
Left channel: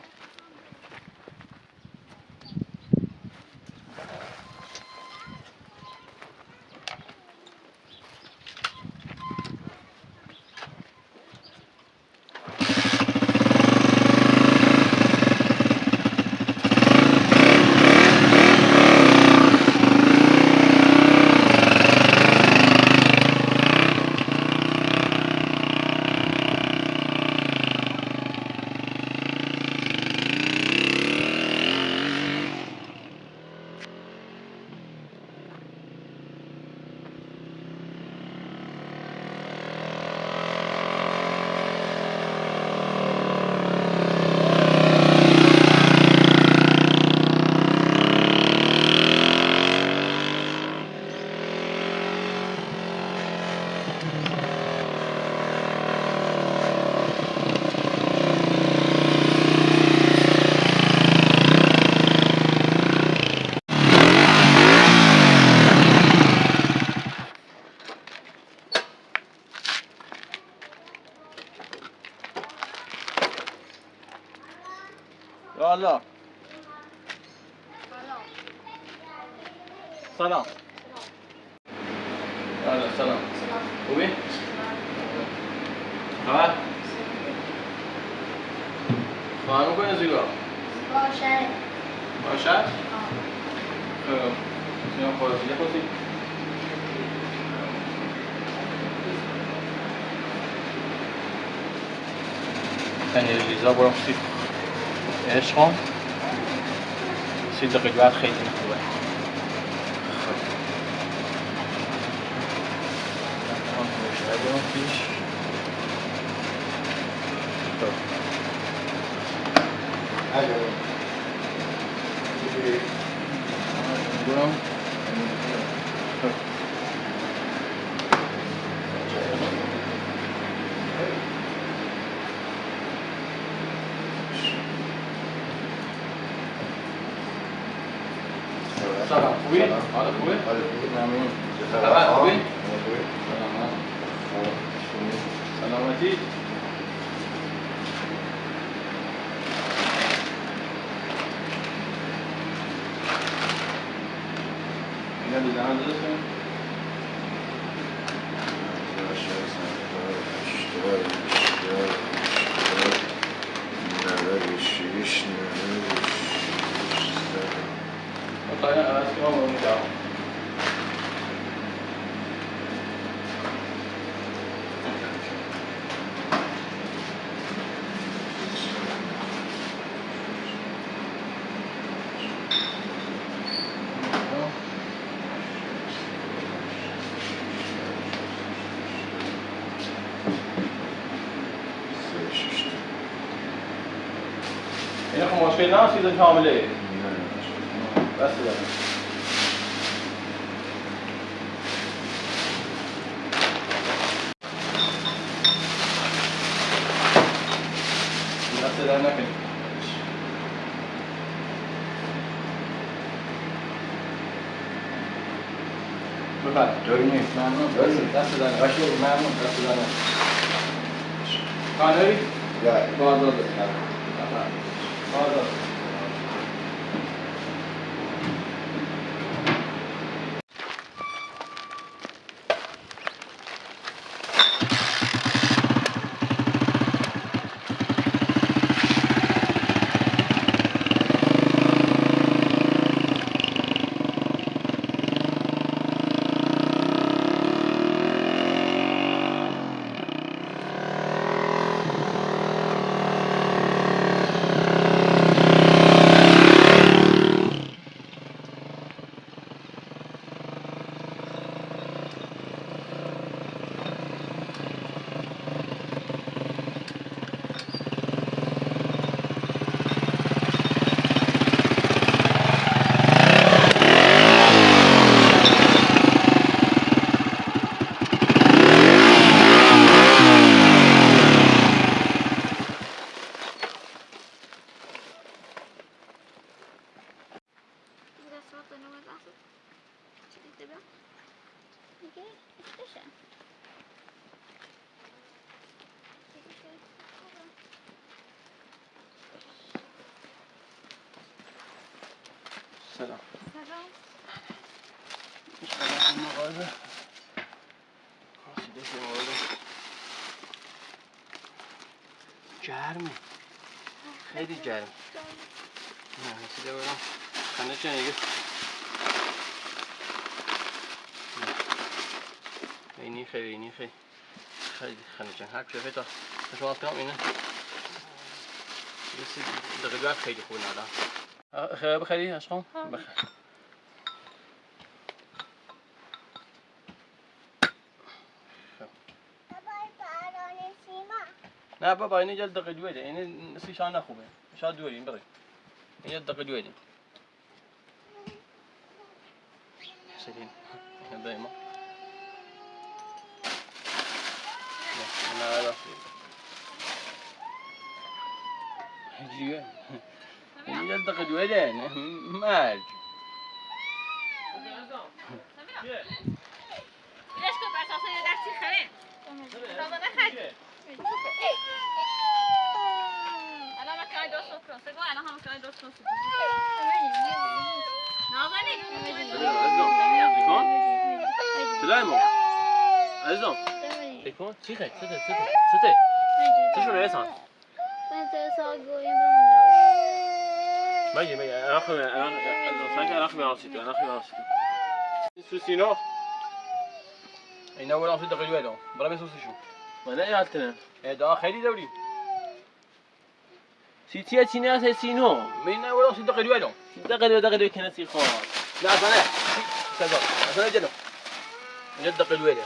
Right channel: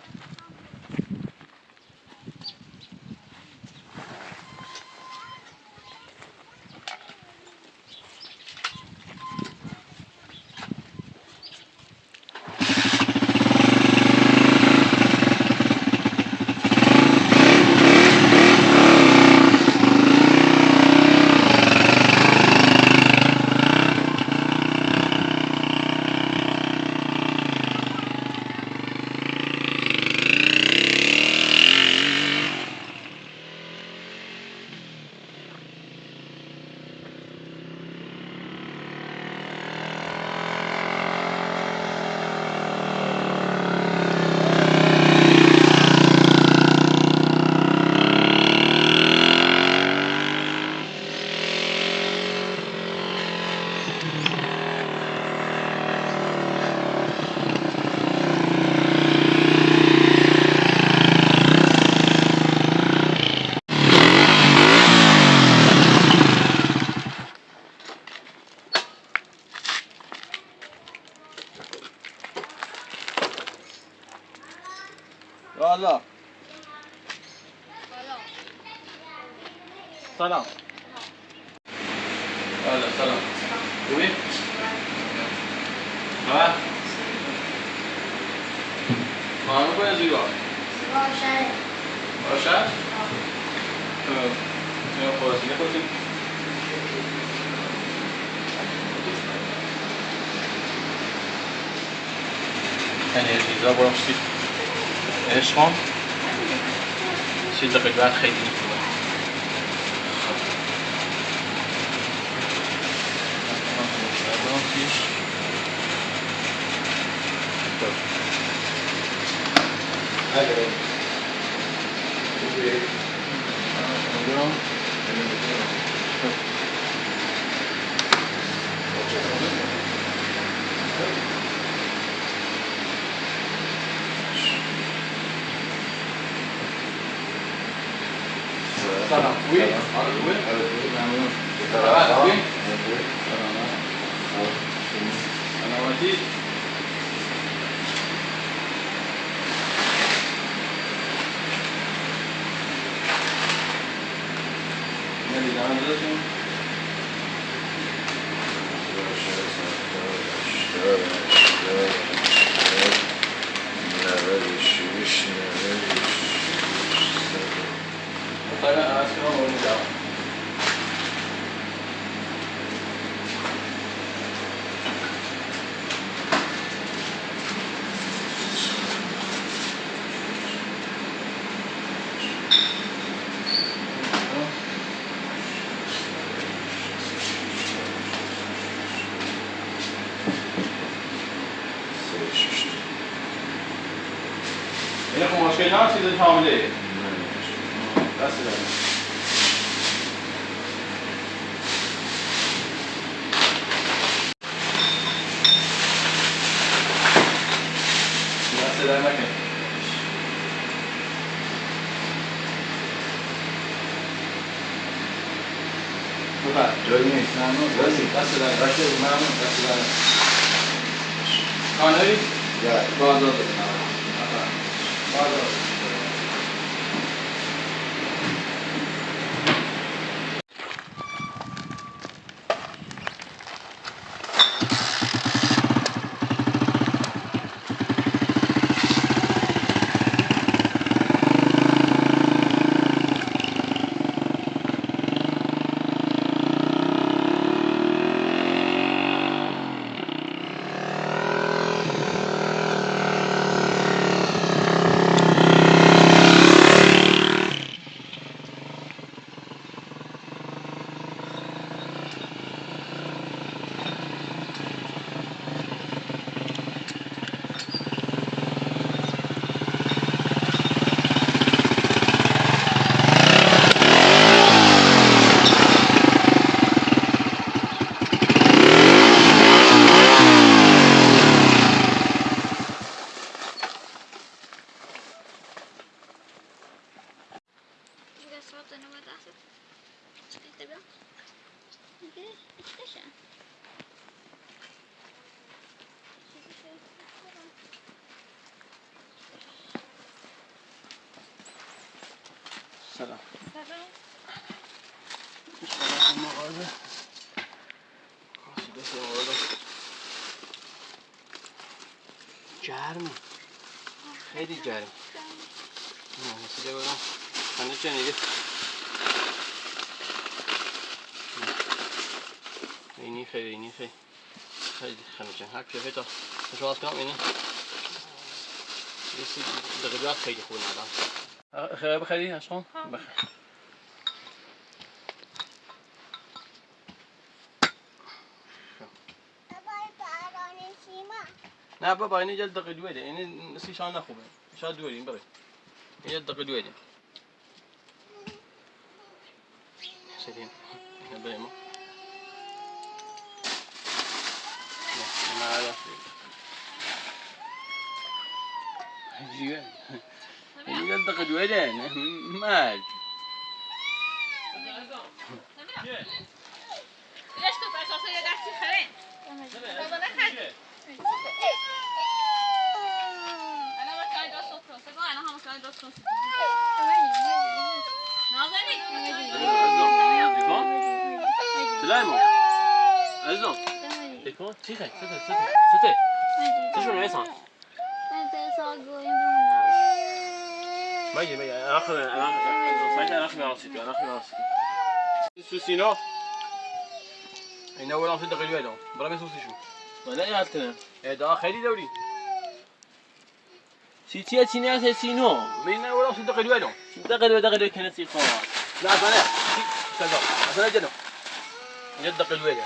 الله سلام سلام خوبی؟ خبر؟ خواهر میکنی زیبا؟ باشد؟ سیما خلاصی نخواستیم؟ انرژیزا برام سید عشقم 30 دقیقه بعد خیلی نخوردم سلام خوبی؟ آره خوبی؟ ممنون خبر خوبی؟ سلامتی؟ ندیدم دادتون؟ مطمئن عوض کنم و میدم این خب مشکل نه چیز کامله دست داریم دست داریم نکنیم بفرد ببینید ممنون دست داریم ممنون دست دارم خانه‌ای؟ بازار بازار سلام. سلام. اشتغلت المغازة. بس والله گرمه، خیلی گرم. نه حسیده برم خنده چه نیگه اینی خیلی خنده چه هر کیفه تا شواز کنم اینه بسی دقیقات خیلی خوب ندارم. خیلی بخیری عشقم بخیر. نه بابا اینه جلد دقیق دویده، اینه سیشان نخوبه، شاید دویدیم بقید اینه دقیق دویدیم سیدیم دایما نه نه هجیه اینه جلد دقیق دویده مرج ليش كنت اساسا يا دارتي خرين بابا نخد انا ما كان دوست كروس انا هم كان دوست كروس نازني سلامو عزیزم بکن چیه سته چشون ایسان مگی انا خمي سوسينو اینا ولا في دقيقه ويدو برا سوسي شو ولا ايه هالكلام ده خيري دوري سيتيا تينا سينو مينا ولا في دقيقه ويدو دقيقه كنسي خاص لا انا جلو این دقیقه ویده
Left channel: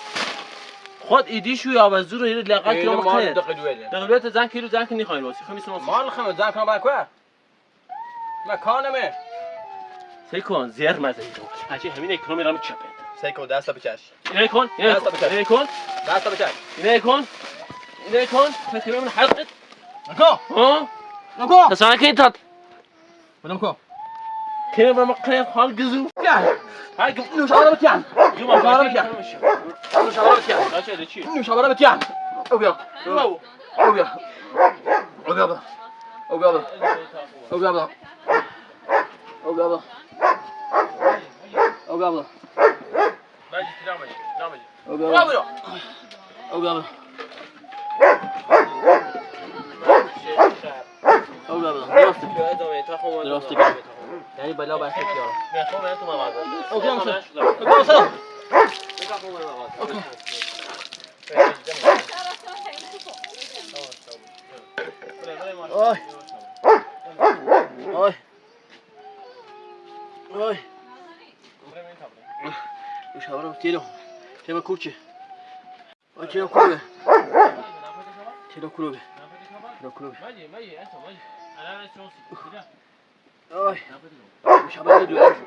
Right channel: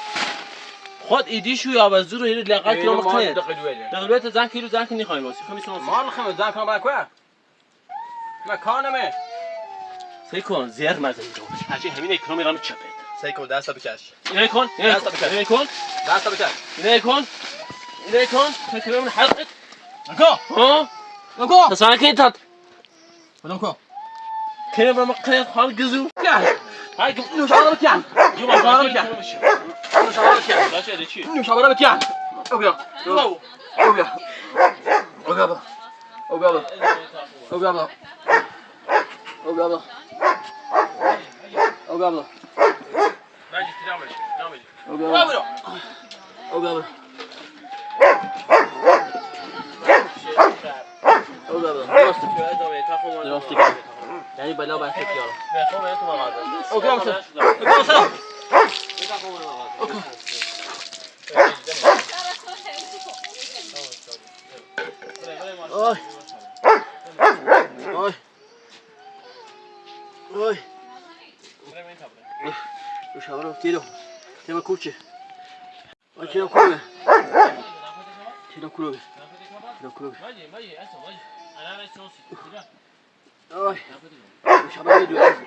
خود ایدی شو یا وزور رو یه لقات کیلو مخنه دقیقه ویده زن کیلو زن کنی خواهی راسی خمیس راسی مال خمه زن کنم برای کوه مکانمه سیکون زیر مزه رو هرچی همین اکرام میرم چپت سیکون دستا بکش اینه کن دستا بکش اینه کن خیلی من حلقت نکو تسانه که تات نکو که برم قیاد حال گزو هاي نوشابه بكيان جوا نوشابه بكيان لا شيء شيء نوشابه بكيان اوبيا باجي ترامل يعني بلا بحث كيارا اوكي امسك اوكي اوي وش هبرو تيرو تيما كوتشي تيرو كروبي ماجي انا سوسي اوه مش هبدا دلوقتي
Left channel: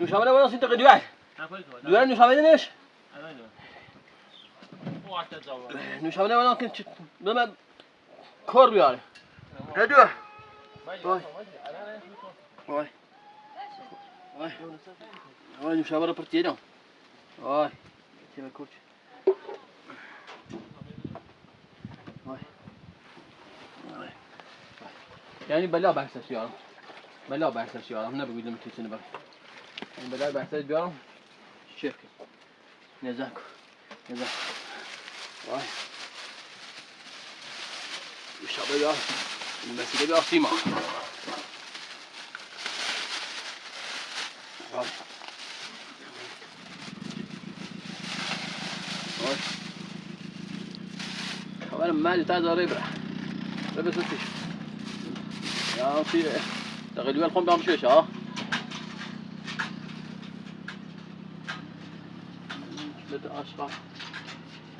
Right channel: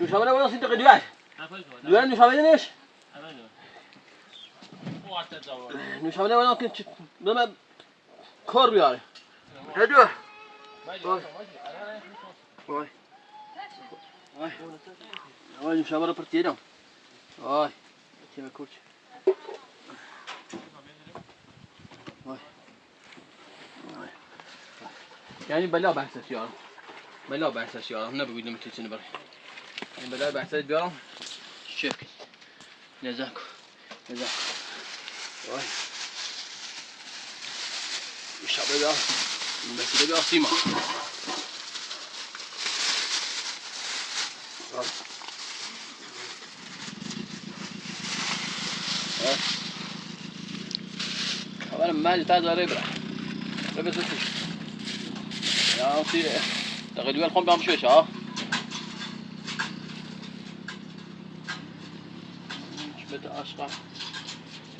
مش هبدا ولا انت دلوقتي مش هبدا ليش مش هبدا ولا كنت بما كور يعني هدوه اوه مش هبدا بارتينا اوه كده كوتش يعني بلا بحث سيارة بلا بحث سيارة هنا بقول لهم تلسين برا يعني بلا بحث سيارة شوف نزاكو واي وش هبدا بس كده أصيمة أولا مالي تازة ربرة سوسي يا أخي تغلي الخم بعمل شويش مش بدأ أشقى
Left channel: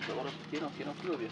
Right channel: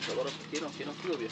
صورت كيلو بيه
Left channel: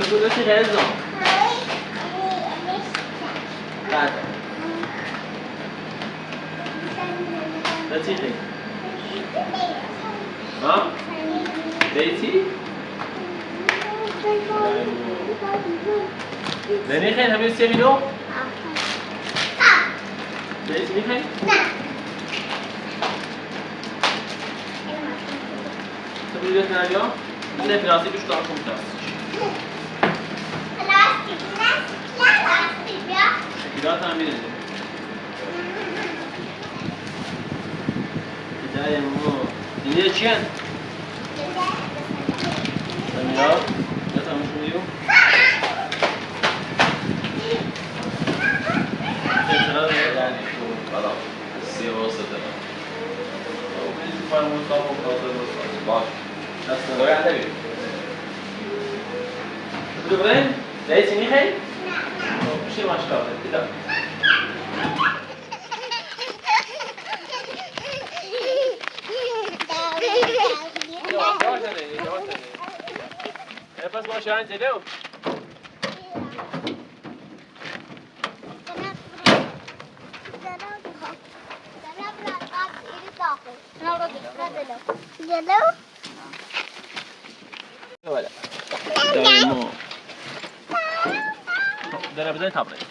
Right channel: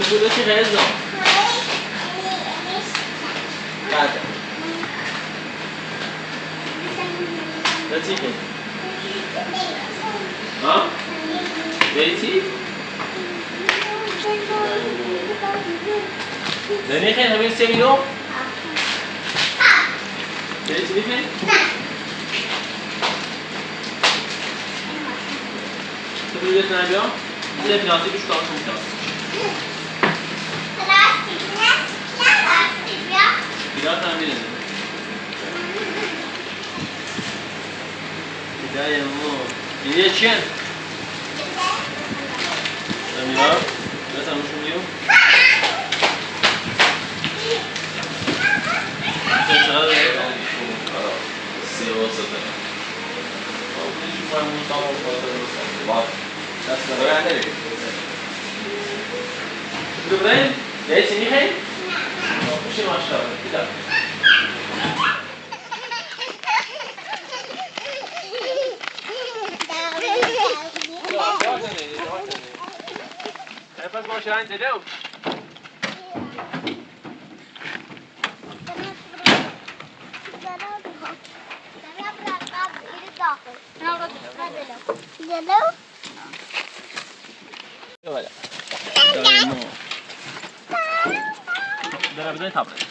تقول لك غير زمان بعد لا تيجي ها بيتي دني خير همين سيمينو بيتي خير تقول لك نبيا زين راسي بشطار ممتاز شكلها تعمل بداية مو هي چیان؟ سمیرا مثلا شو میو؟ چطور؟ سیاست دارم. او بیشتر فرمون تا و خاطر باز. دست داره نداری. دوباره؟ یه چی میخوای؟ میشه ماشاءالله. بیدار. بس ما شو عندي اليوم ولا دايمو درا بدي تابلت